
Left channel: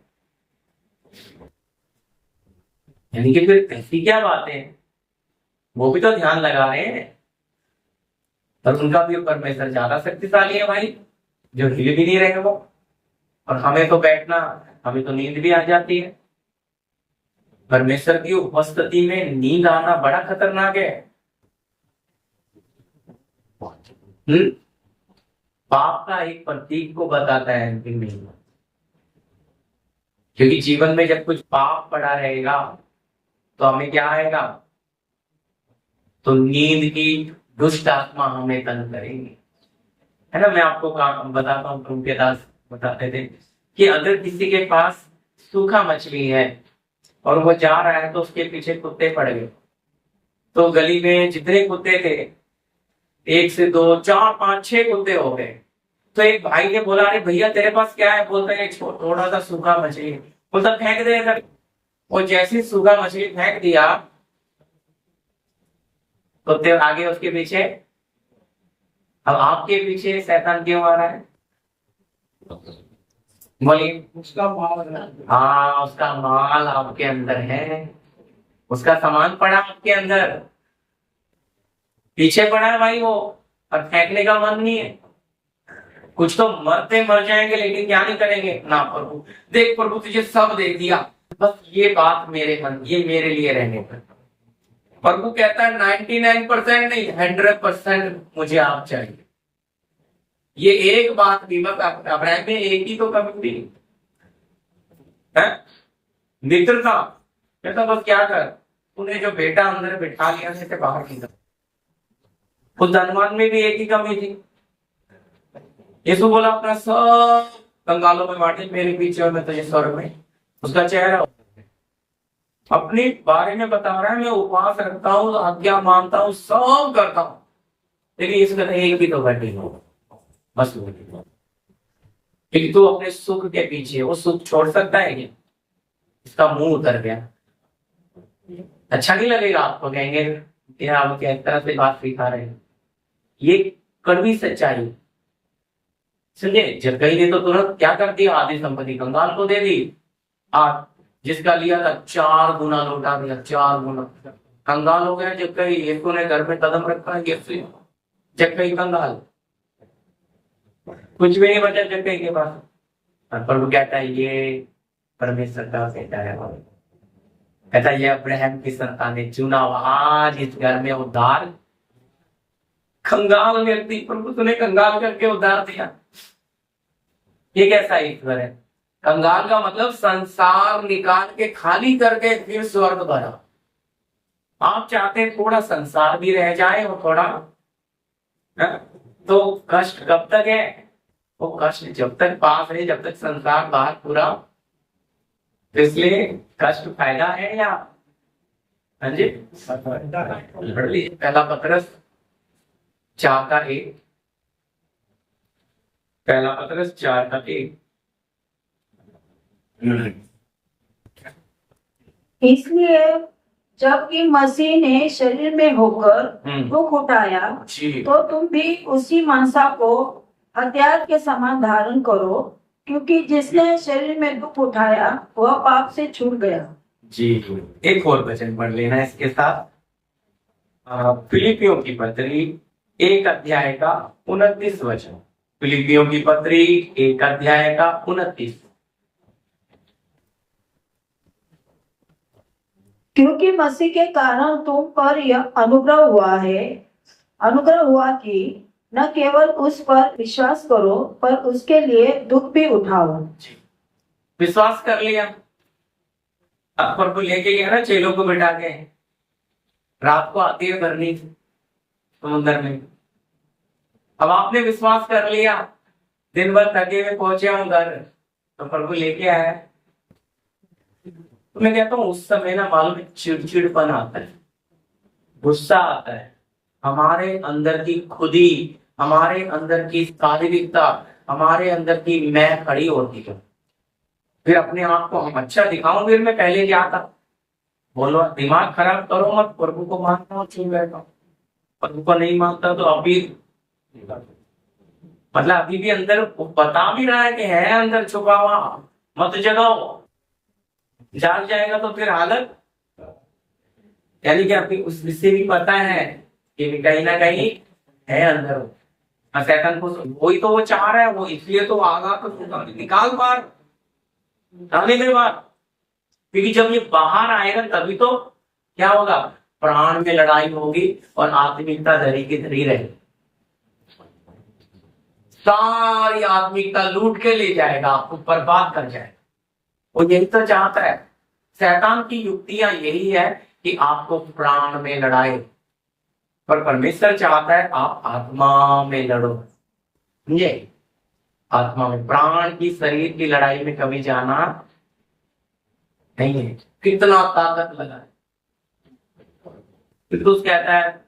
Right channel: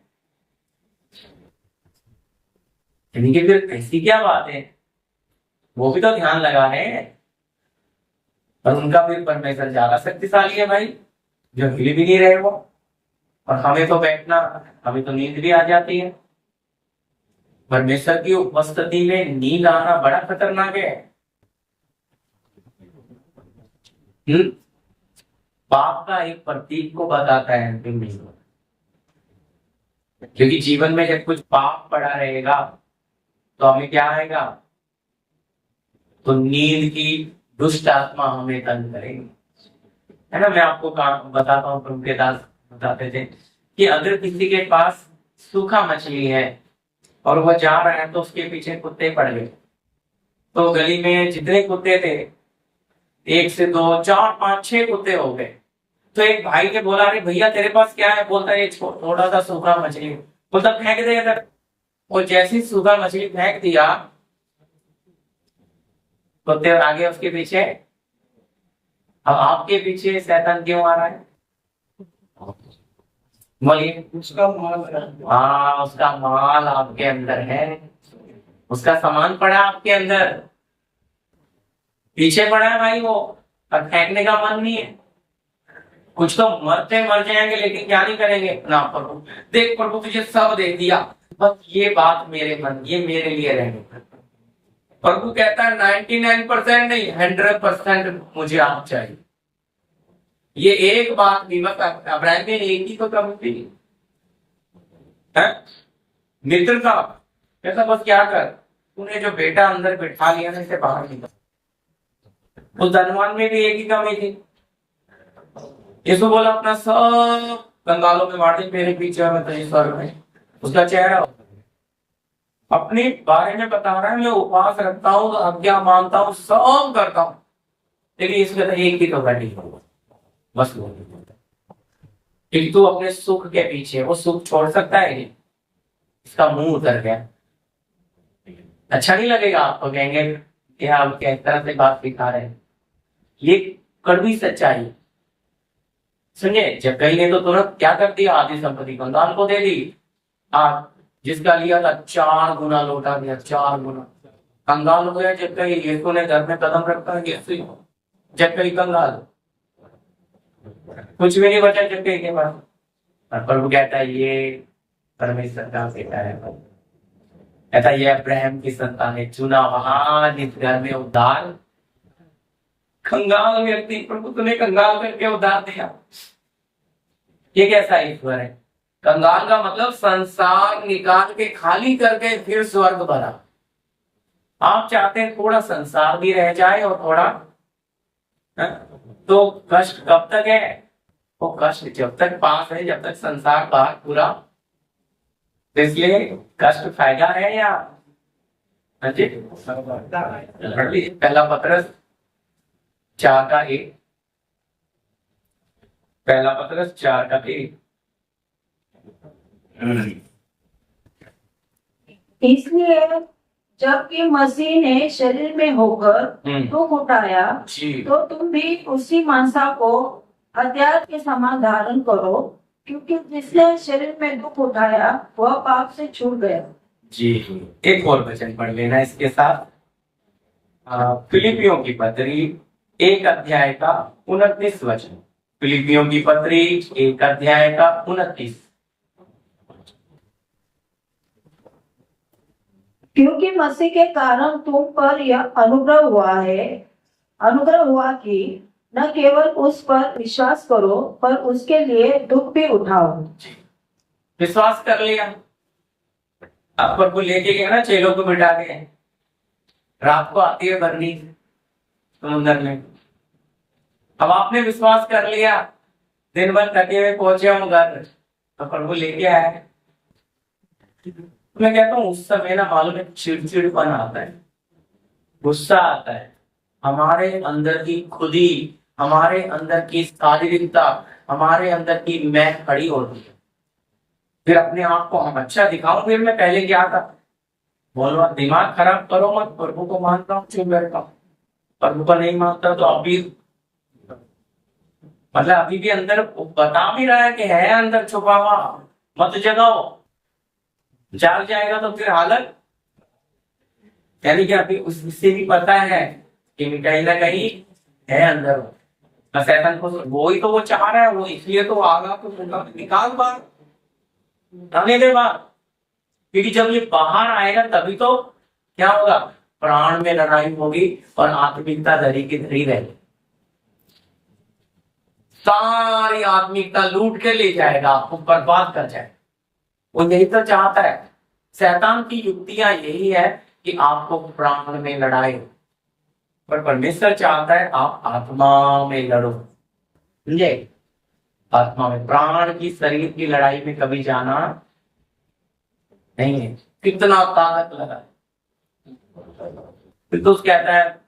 यानी कि फिर ऐसी क्या बात है? वो भी तो ध्यान लगा रहे हैं, और उनका भी परमेश्वर ज्यादा शक्तिशाली है भाई, जो हिल भी नहीं रहे वो। और हमें तो बैठना, हमें तो नींद भी आ जाती है। परमेश्वर की उपस्थिति में नींद आना बड़ा खतरनाक है। पाप का एक प्रतीक को बताता है अंतिम में। क्योंकि जीवन में जब कुछ पाप पड़ा रहेगा तो हमें क्या आएगा, तो नींद की दुष्ट आत्मा हमें तंग करेंगी, है ना। मैं आपको बताता हूँ, तुमकेदास बताते थे कि अगर किसी के पास सूखा मछली है और वो जा रहा है तो उसके पीछे कुत्ते पड़ गए, तो गली में जितने कुत्ते थे, 1 से 2 4 5 6 कुत्ते हो गए। तो एक भाई ने बोला, अरे भैया तेरे पास क्या है? बोलता है थोड़ा सा सूखा मछली। बोलता फेंक दे इधर। और जैसे ही सूखा मछली फेंक दिया, कुत्ते आगे उसके पीछे। अब आपके पीछे शैतान क्यों आ रहा है? बोलिए। उसका माल है। हाँ, उसका माल आपके अंदर है, उसका सामान पड़ा आपके अंदर, पीछे पड़ा है भाई वो, और फेंकने का मन नहीं है। कुछ तो मरते मर जाएंगे लेकिन क्या नहीं करेंगे ना, प्रभु देख, प्रभु तुझे सब दे दिया, बस ये बात मेरे मन, ये मेरे लिए रहने पर। प्रभु कहता है 99% नहीं, 100% मुझे आप चाहिए। ये एक बात भी, बस अब्राहम में एक ही तो कमी थी, है मित्रता। कहता बस क्या कर, तूने जो बेटा अंदर बिठा लिया ना, इसे बाहर निकल। उस धनवान में भी एक ही कमी थी। यीशु बोला अपना सब कंगालों में बांट दे, मेरे पीछे और मैं तुझे स्वर्ग में। उसका चेहरा अपने बारे में बता रहा है, मैं उपवास रखता हूँ, आज्ञा मानता हूँ, सब करता हूँ, लेकिन यीशु कहता है एक भी तो घटी होगा, बस वो। क्योंकि तू अपने सुख के पीछे, वो सुख छोड़ सकता है क्या? इसका मुंह उतर गया। अच्छा नहीं लगेगा आपको, कहेंगे क्या आप क्या इस तरह से बात सिखा रहे हैं। ये कड़वी सच्चाई। सुनिए, जब कहीं ने तो तुरंत क्या कर दिया, आधी संपत्ति कंगाल को दे दी। आप जिसका लिया था 4 गुना लौटा दिया, 4 गुना। कंगाल हो गया जब कहीं यीशु ने घर में कदम रखा है, यीशु जब कहीं कंगाल, कुछ भी नहीं बचा जब कहीं के पास। और प्रभु कहता है ये परमेश्वर का बेटा है, कहता ये अब्राहम की संतान ने चुना, आज इस घर में उद्धार। कंगाल व्यक्ति प्रभु तूने कंगाल करके उद्धार दिया। ये कैसा ईश्वर है? कंगाल का मतलब संसार निकाल के खाली करके फिर स्वर्ग भरा। आप चाहते हैं थोड़ा संसार भी रह जाए और थोड़ा, तो कष्ट कब तक है? वो कष्ट जब तक पास है, जब तक संसार बाहर पूरा। तो इसलिए कष्ट फायदा है या? हाँ जी, पहला पत्रस 4:1, पहला पत्रस 4:1। इसलिए जबकि मसीह ने शरीर में होकर दुख उठाया, तो तुम भी उसी मनसा को हथियार के समान धारण करो, क्योंकि जिसने शरीर में दुख उठाया वह पाप से छूट गया। जी, एक और वचन पढ़ लेना इसके साथ। फिलिपियों की पत्री 1:29 वचन। फिलिपियों की पत्री 1:29। क्योंकि मसीह के कारण तुम पर यह अनुग्रह हुआ कि न केवल उस पर विश्वास करो, पर उसके लिए दुख भी उठाओ। विश्वास कर लिया, अब प्रभु लेके गया ना चेलों को बिठा के, रात को आती है भरनी समुद्र में। अब आपने विश्वास कर लिया, दिन भर थके हुए पहुंचे हम घर, तो प्रभु लेके आया। मैं कहता हूँ उस समय ना मालूम है चिड़चिड़पन आता है, गुस्सा आता है, हमारे अंदर की खुदी, हमारे अंदर की शारीरिकता, हमारे अंदर की मैं खड़ी होती है। फिर अपने आप को हम अच्छा दिखाऊं, फिर मैं पहले क्या था बोलो, दिमाग खराब करो मत। प्रभु को मानता हूँ चुप बैठता हूँ, प्रभु को नहीं मानता तो अभी मतलब अभी भी अंदर बता भी रहा है कि है अंदर छुपा हुआ, मत जगाओ, जाग जाएगा तो फिर हालत। यानी कि अभी उससे भी पता है कि कहीं ना कहीं है अंदर, शैतान को वही तो वो चाह रहा है, वो इसलिए तो आगा तो निकाल बाहर, आने दे बाहर। क्योंकि जब ये बाहर आएगा तभी तो क्या होगा, प्राण में लड़ाई होगी और आत्मिकता धरी की धरी रहेगी। सारी आत्मिकता लूट के ले जाएगा, आपको बर्बाद कर जाएगा। वो यही तो चाहता है। शैतान की युक्तियां यही है कि आपको प्राण में लड़ाए, पर परमेश्वर चाहता है आप आत्मा में लड़ो। समझे? आत्मा में, प्राण की शरीर की लड़ाई में कभी जाना नहीं है। कितना ताकत लगा। फिर तो कहता है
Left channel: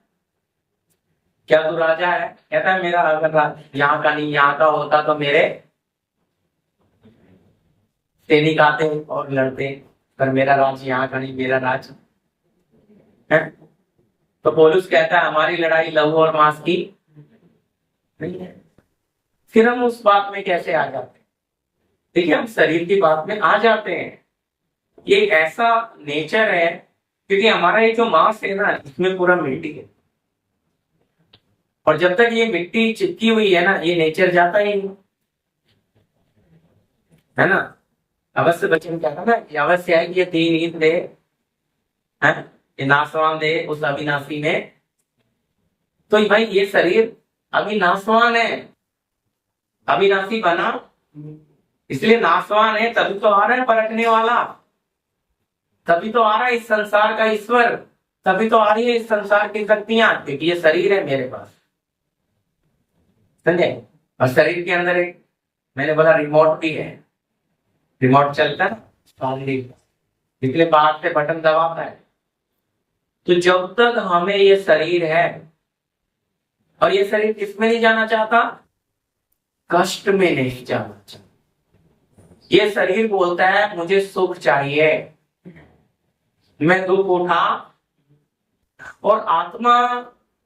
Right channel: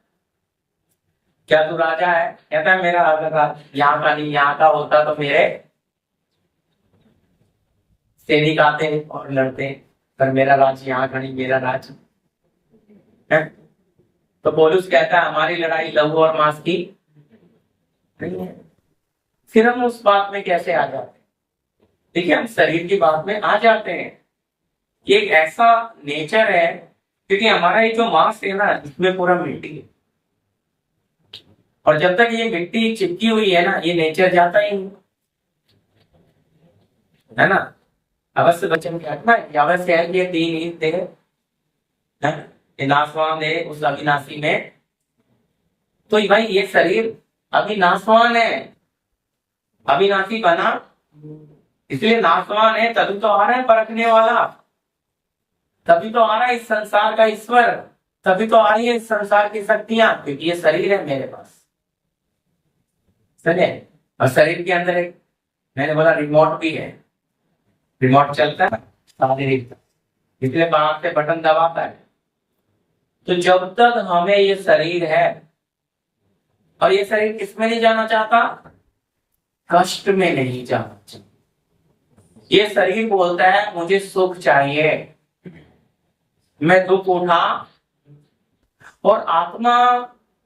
क्या तू राजा है? कहता है मेरा अगर यहाँ का नहीं यहाँ का होता तो मेरे सैनिक आते और लड़ते, पर मेरा राज्य यहाँ का नहीं, मेरा राज्य है। तो पौलुस कहता है हमारी लड़ाई लहू और मांस की नहीं है। फिर हम उस बात में कैसे आ जाते हैं? देखिए, हम शरीर की बात में आ जाते हैं। ये एक ऐसा नेचर है, क्योंकि हमारा ये जो मांस है ना, इसमें पूरा मिट्टी है, और जब तक ये मिट्टी चिपकी हुई है ना, ये नेचर जाता ही नहीं, है ना। अवश्य वचन क्या है ना, अवश्य है कि ये तीन ईद दे, ये नासवान दे उस अविनाशी में। तो भाई ये शरीर अभी नासवान है, अविनाशी बना इसलिए नासवान है, तभी तो आ रहा है परखने वाला, तभी तो आ रहा है इस संसार का ईश्वर, तभी तो आ रही है इस संसार की शक्तियां, क्योंकि ये शरीर है मेरे पास। समझे? और शरीर के अंदर एक, मैंने बोला रिमोट भी है, रिमोट चलता है ना शारीरिक, इसलिए बाहर से बटन दबाता है। तो जब तक हमें ये शरीर है, और ये शरीर किसमें नहीं जाना चाहता? कष्ट में नहीं जाना चाहता। ये शरीर बोलता है मुझे सुख चाहिए, मैं दुख उठा, और आत्मा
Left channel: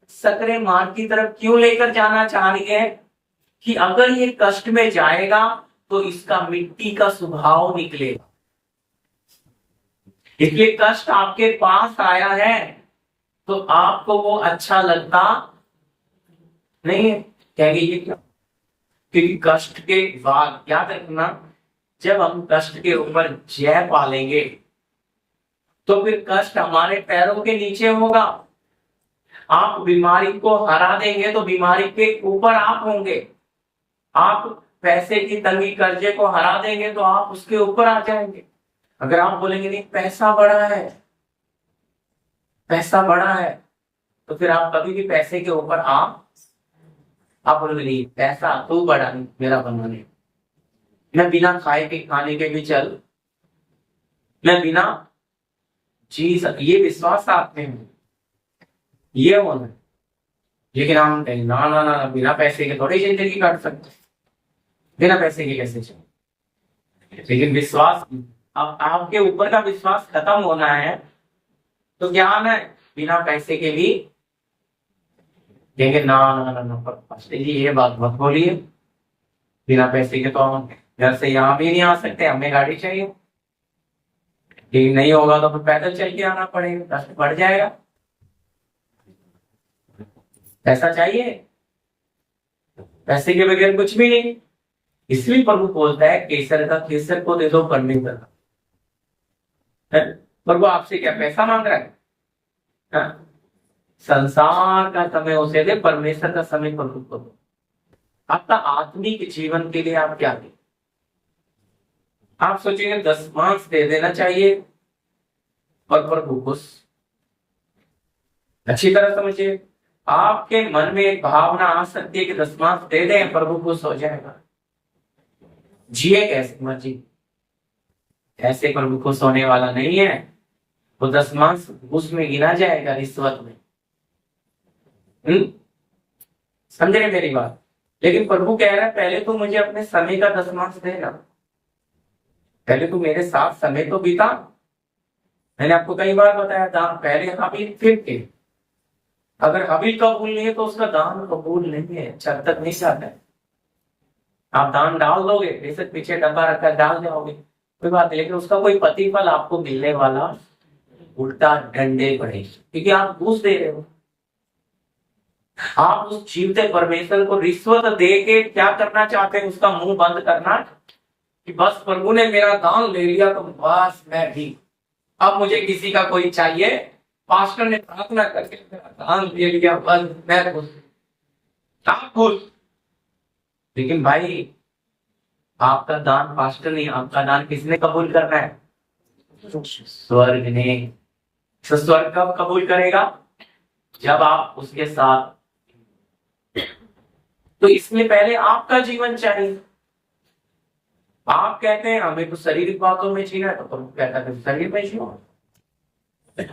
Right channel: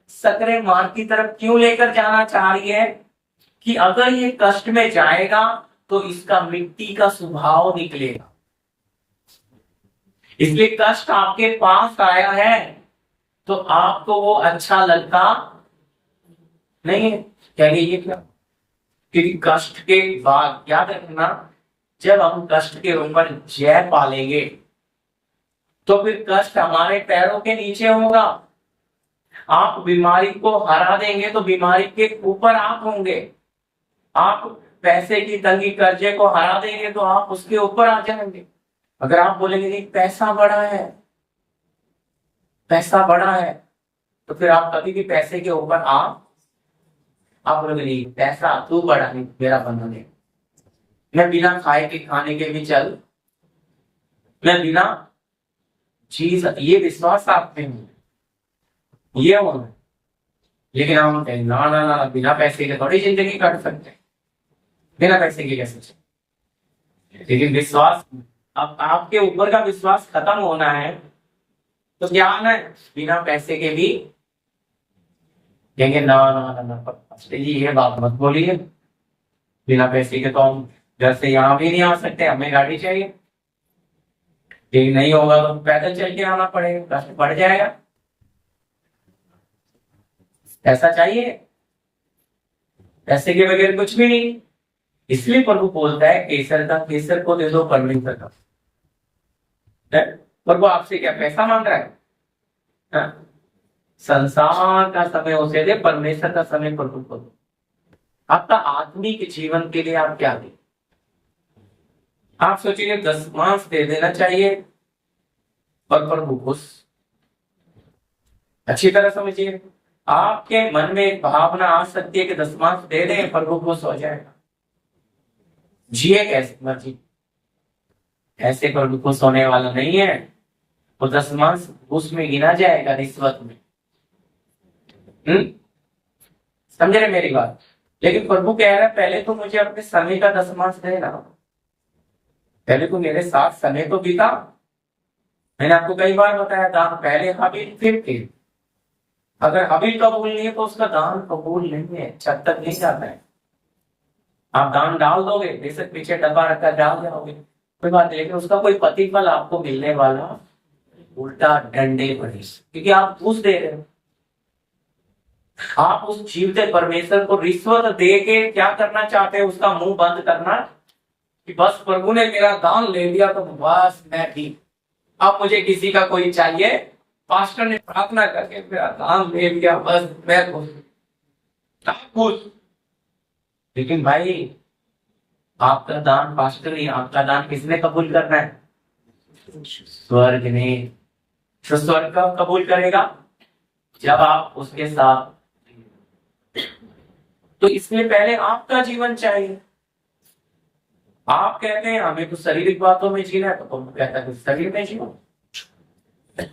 सकरे मार्ग की तरफ क्यों लेकर जाना चाह रही है? कि अगर ये कष्ट में जाएगा तो इसका मिट्टी का स्वभाव निकलेगा। इसलिए कष्ट आपके पास आया है तो आपको वो अच्छा लगता नहीं है। कहेंगे ये क्या? क्योंकि कष्ट के बाद याद रखना, जब हम कष्ट के ऊपर जय पालेंगे तो फिर कष्ट हमारे पैरों के नीचे होगा। आप बीमारी को हरा देंगे तो बीमारी के ऊपर आप होंगे। आप पैसे की तंगी कर्जे को हरा देंगे तो आप उसके ऊपर आ जाएंगे। अगर आप बोलेंगे नहीं पैसा बड़ा है, पैसा बड़ा है, तो फिर आप कभी भी पैसे के ऊपर आप बोलेंगे नहीं पैसा तू बड़ा नहीं, मेरा बना नहीं, मैं बिना खाए के खाने के भी चल, मैं बिना चीज, ये विश्वास आपके में ये होना। लेकिन हम ना ना ना बिना पैसे के थोड़ी जिंदगी काट सकते, बिना पैसे के कैसे चले। लेकिन विश्वास, अब आपके ऊपर का विश्वास खत्म होना है तो क्या आना है? बिना पैसे के भी कहेंगे ना ना ना ना जी ये बात मत बोलिए, बिना पैसे के तो हम घर से यहाँ भी नहीं आ सकते, हमें गाड़ी चाहिए। लेकिन नहीं होगा तो फिर पैदल चल के आना पड़ेगा, कष्ट बढ़ जाएगा। ऐसा चाहिए? पैसे के बगैर कुछ भी नहीं। इसलिए प्रभु बोलता है केसर का केसर को दे दो, परमेश्वर का। प्रभु आपसे क्या पैसा मांग रहा है? संसार का समय उसे दे, परमेश्वर का समय प्रभु को दो। आपका आत्मिक जीवन के लिए आप क्या दें? आप सोचिए 10 दे देना चाहिए और प्रभु खुश। अच्छी तरह समझिए, आपके मन में एक भावना आ सकती है कि 10 दे दें, प्रभु खुश हो जाएगा। जिए कैसे मर्जी, ऐसे प्रभु खुश होने वाला नहीं है। वो 10 उसमें गिना जाएगा रिश्वत में। समझ रहे मेरी बात? लेकिन प्रभु कह रहा है पहले तो मुझे अपने समय का 10 देना, पहले तो मेरे साथ समय तो बीता। मैंने आपको कई बार बताया दान पहले हबील फिर के, अगर हबील कबूल नहीं है तो उसका दान कबूल नहीं है, छत तक नहीं जाता है। आप दान डाल दोगे, बेशक पीछे डब्बा रखकर डाल दोगे कोई बात नहीं, लेकिन उसका कोई प्रतिफल आपको मिलने वाला उल्टा डंडे पड़े, क्योंकि आप घूस दे रहे हो। आप उस जीवते परमेश्वर को रिश्वत दे के क्या करना चाहते हैं? उसका मुंह बंद करना कि बस प्रभु ने मेरा दान ले लिया तो बस मैं भी, अब मुझे किसी का कोई चाहिए, पास्टर ने प्रार्थना करके मेरा दान ले लिया, बस मैं खुश खुश। लेकिन भाई आपका दान पास्टर नहीं, आपका दान किसने कबूल करना है? स्वर्ग ने। तो स्वर्ग कब कबूल करेगा? जब आप उसके साथ। तो इसलिए पहले आपका जीवन चाहिए। आप कहते हैं हमें तो शारीरिक बातों में जीना है, तो तुम कहता है शरीर में जियो।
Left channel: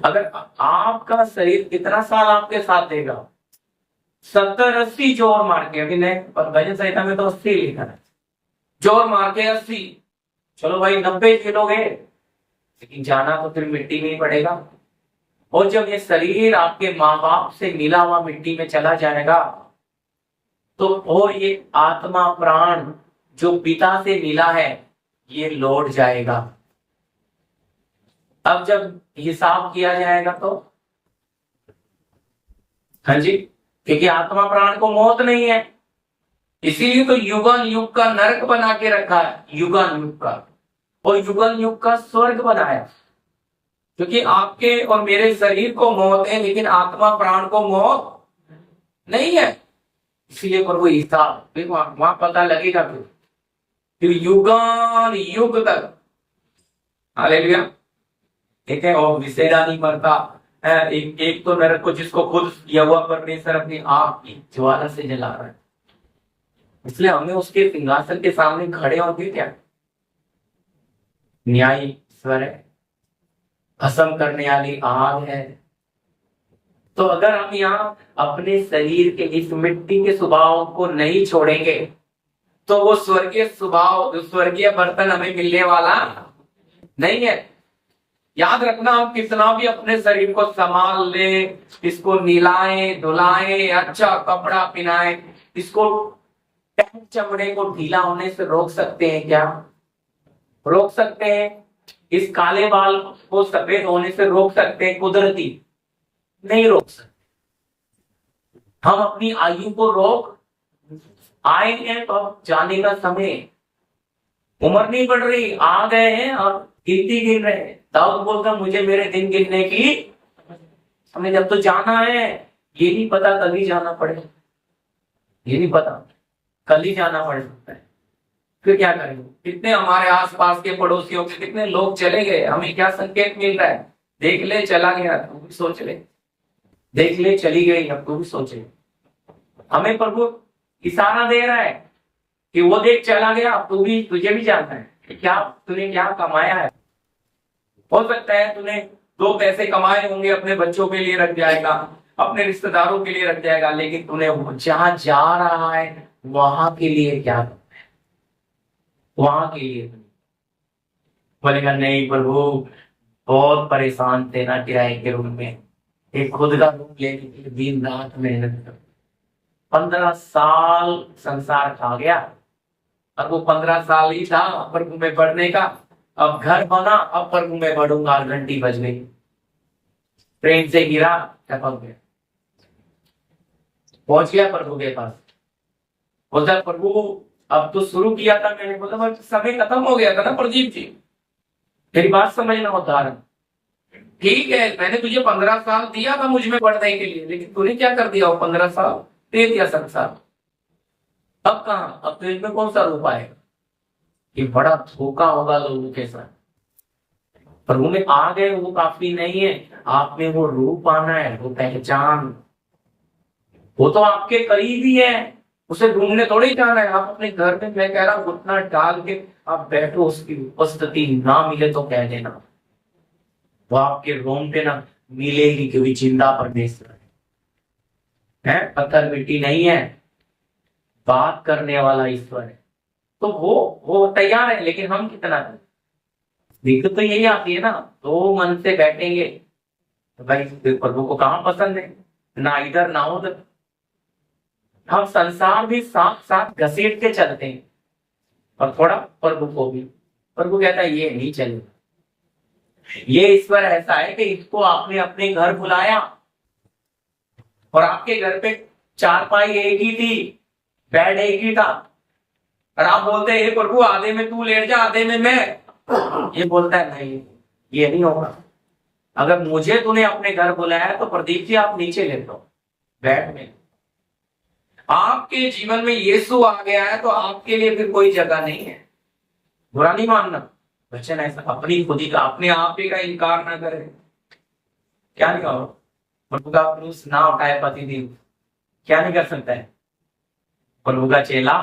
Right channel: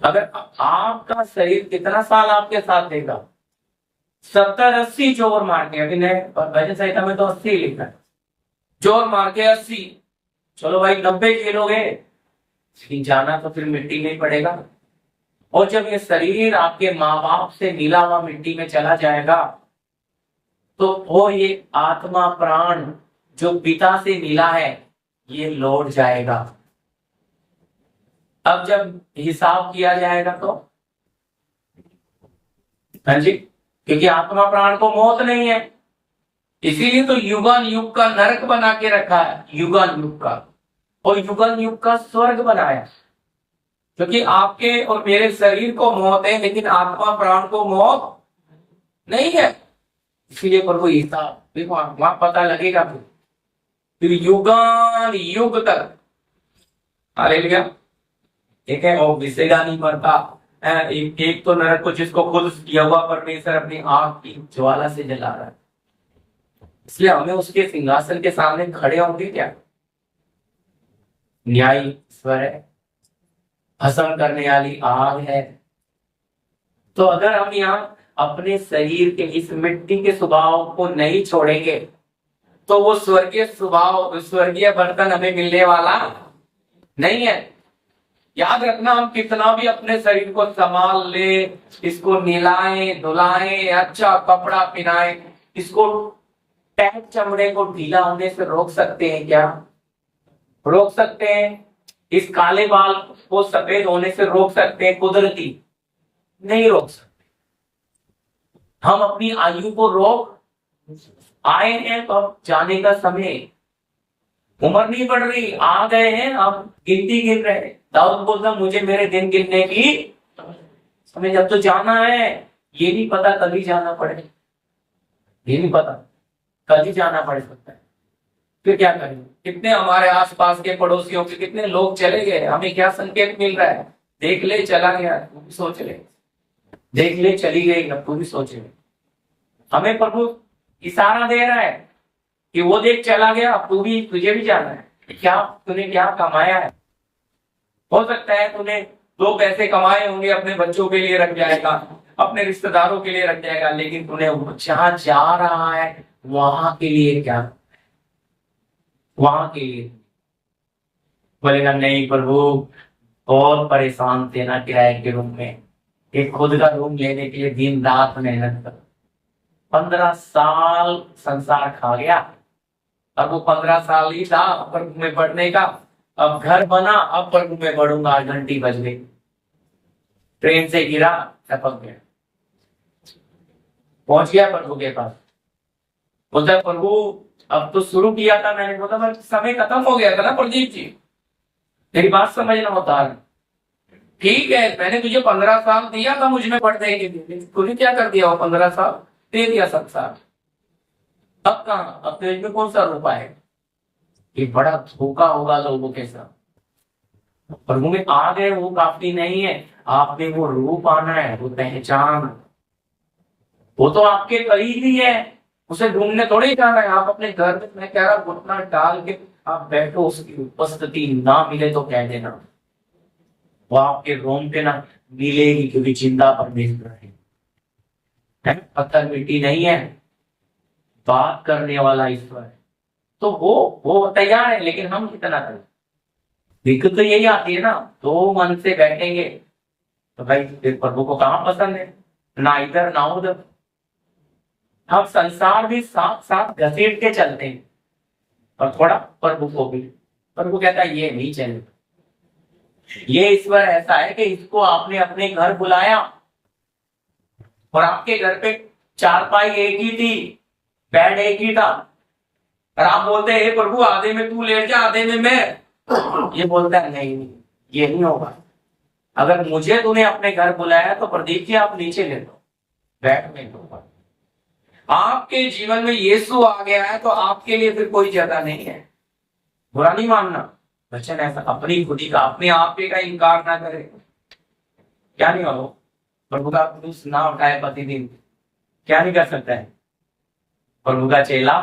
अगर आपका शरीर कितना साल आपके साथ देगा? 70-80 जोर मार के, अभी भजन संहिता में तो 80 लिखा है, जोर मार के 80। चलो भाई 90 झेलोगे, लेकिन जाना तो फिर मिट्टी में ही पड़ेगा। और जब ये शरीर आपके माँ बाप से मिला हुआ मिट्टी में चला जाएगा, तो वो ये आत्मा प्राण जो पिता से मिला है, ये लौट जाएगा। अब जब हिसाब किया जाएगा तो, हाँ जी, क्योंकि आत्मा प्राण को मौत नहीं है, इसीलिए तो युगन युग का नरक बना के रखा है, युगन युग का, और युगन युग का स्वर्ग बनाया। क्योंकि आपके और मेरे शरीर को मौत है, लेकिन आत्मा प्राण को मौत नहीं है। इसीलिए प्रभु हिसाब वहां पता लगेगा, फिर युगान युग तक। हालेलुया। ठीक है, और विसेरा नहीं मरता। एक तो नरक को जिसको खुद यहोवा परमेश्वर अपनी आग की ज्वाला से जला रहा है, इसलिए हमें उसके सिंहासन के सामने खड़े होंगे क्या? न्यायी ईश्वर है, भस्म करने वाली आग है। तो अगर हम यहाँ अपने शरीर के इस मिट्टी के स्वभाव को नहीं छोड़ेंगे, तो वो स्वर्गीय स्वभाव, स्वर्गीय बर्तन हमें मिलने वाला नहीं है। याद रखना, हम कितना भी अपने शरीर को संभाल ले, इसको निलाएं धुलाएं, अच्छा कपड़ा पहनाएं, इसको टैग चमड़े को ढीला होने से रोक सकते हैं क्या? रोक सकते हैं? इस काले बाल को सफेद होने से रोक सकते हैं कुदरती? नहीं रोक सकते। हम अपनी आयु को रोक आए हैं, तो अब जाने का समय, उम्र नहीं बढ़ रही, आ गए हैं, अब गिनती गिन रहे हैं। दाऊद बोलता मुझे मेरे दिन गिनने की समय, जब तो जाना है, ये नहीं पता कल ही जाना पड़े, ये नहीं पता कल ही जाना पड़ सकता है। फिर क्या करेंगे? कितने हमारे आसपास के पड़ोसियों के कितने लोग चले गए, हमें क्या संकेत मिल रहा है? देख ले चला गया, तू भी सोच ले। देख ले चली गई, अब तू भी सोच ले। हमें प्रभु इशारा दे रहा है कि वो देख चला गया, अब तू भी, तुझे भी जाना है। क्या तूने क्या कमाया है? हो सकता है तूने 2 पैसे कमाए होंगे, अपने बच्चों के लिए रख जाएगा, अपने रिश्तेदारों के लिए रख जाएगा, लेकिन तूने जहां जा रहा है वहां के लिए क्या? वहां के लिए बोलेगा नहीं प्रभु, बहुत परेशान थे ना किराए के रूम में, एक खुद का रूम लेने के लिए दिन रात मेहनत कर, 15 साल संसार खा गया। अब वो 15 साल ही था प्रभु में बढ़ने का, अब घर बना, अब प्रभु में बढ़ूंगा, घंटी बज गई, ट्रेन से गिरा, टपक गया, पहुंच गया प्रभु के पास। बोलता प्रभु अब तो शुरू किया था मैंने, बोला समय खत्म हो गया था ना प्रदीप जी, तेरी बात समझना होता है। ठीक है, मैंने तुझे 15 साल दिया था मुझ में पढ़ने के लिए, लेकिन तूने क्या कर दिया? वो 15 साल दे दिया संसार। अब कहाँ? अब तो इसमें कौन सा रूप आएगा? ये बड़ा धोखा होगा लोगों के साथ। प्रभु में आ गए वो काफी नहीं है, आप में वो रूप आना है, वो पहचान, वो तो आपके करीब ही है, उसे ढूंढने थोड़ी जाना है। आप अपने घर में, मैं कह रहा हूँ, घुटना डाल के आप बैठो, उसकी उपस्थिति ना मिले तो कह देना, वो आपके रोम पे ना मिलेगी, क्योंकि जिंदा परमेश्वर है, पत्थर मिट्टी नहीं है, बात करने वाला ईश्वर है। तो वो तैयार है, लेकिन हम कितना करें? दिक्कत तो यही आती है ना, तो मन से बैठेंगे तो भाई प्रभु को कहाँ पसंद है? ना इधर ना उधर। हम संसार भी साथ साथ घसीट के चलते हैं, और थोड़ा प्रभु को भी। प्रभु कहता है ये नहीं चलेगा। ये ईश्वर ऐसा है कि इसको आपने अपने घर बुलाया, और आपके घर पे चारपाई एक ही थी, बेड एक ही था, और आप बोलते हैं प्रभु आधे में तू लेट जा, आधे में मैं। ये बोलता है नहीं, ये नहीं होगा। अगर मुझे तूने अपने घर बुलाया तो प्रदीप जी आप नीचे ले लो, बेड में लो। आपके जीवन में यीशु आ गया है तो आपके लिए फिर कोई जगह नहीं है। बुरा नहीं मानना, वचन ऐसा अपनी खुदी का अपने आप ही का इनकार ना करे। क्या नहीं हो प्रभु का क्रूस ना उठाए प्रतिदिन, क्या नहीं कर सकता है? प्रभु का चेला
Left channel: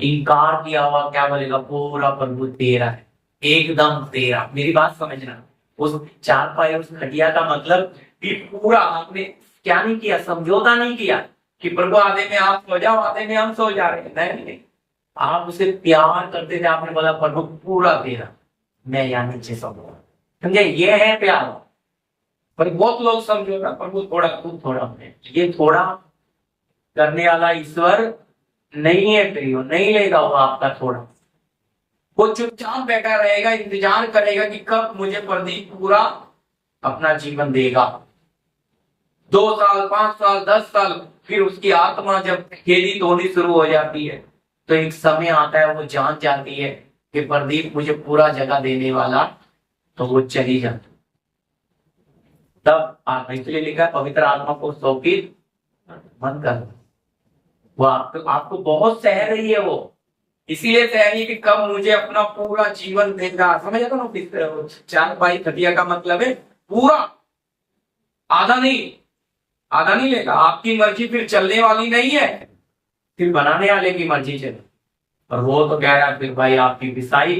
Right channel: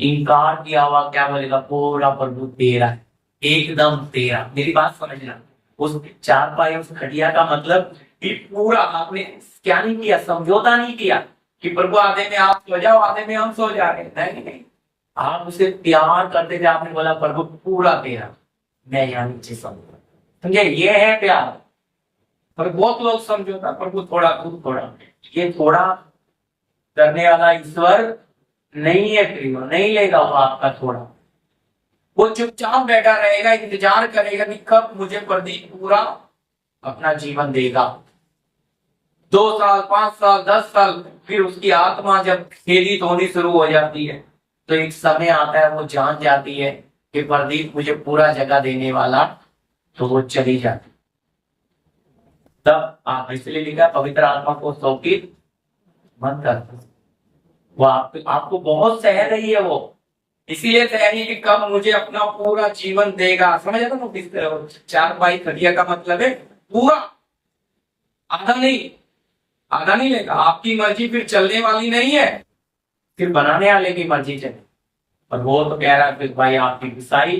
इनकार किया हुआ क्या बोलेगा? पूरा प्रभु तेरा है, एकदम तेरा। मेरी बात समझना, उस चार पाए उस खटिया का मतलब कि पूरा आपने क्या नहीं किया, समझौता नहीं किया कि प्रभु आधे में आप सो जाओ आधे में हम सो जा रहे हैं। नहीं, आप उसे प्यार करते थे। आपने बोला प्रभु पूरा तेरा, मैं यहाँ नीचे समझो। समझे? ये है प्यार। पर बहुत लोग समझौता, प्रभु थोड़ा तू थोड़ा, ये थोड़ा करने वाला ईश्वर नहीं है प्रियो, नहीं लेगा वो आपका थोड़ा। वो चुपचाप बैठा रहेगा, इंतजार करेगा कि कब मुझे प्रदीप पूरा अपना जीवन देगा। 2 साल 5 साल 10 साल, फिर उसकी आत्मा जब खेदित होनी शुरू हो जाती है तो एक समय आता है वो जान जाती है कि प्रदीप मुझे पूरा जगह देने वाला, तो वो चली जाती। तब आप इसलिए लिखा पवित्र आत्मा को शोकित मत कर। वो आपको बहुत सह रही है, वो इसीलिए सह रही है कि कब मुझे अपना पूरा जीवन देगा। समझ आता ना? किस तरह चार बाई खटिया का मतलब है पूरा, आधा नहीं लेगा। आपकी मर्जी फिर चलने वाली नहीं है, फिर बनाने वाले की मर्जी चले। और वो तो कह रहा है फिर भाई आपकी पिसाई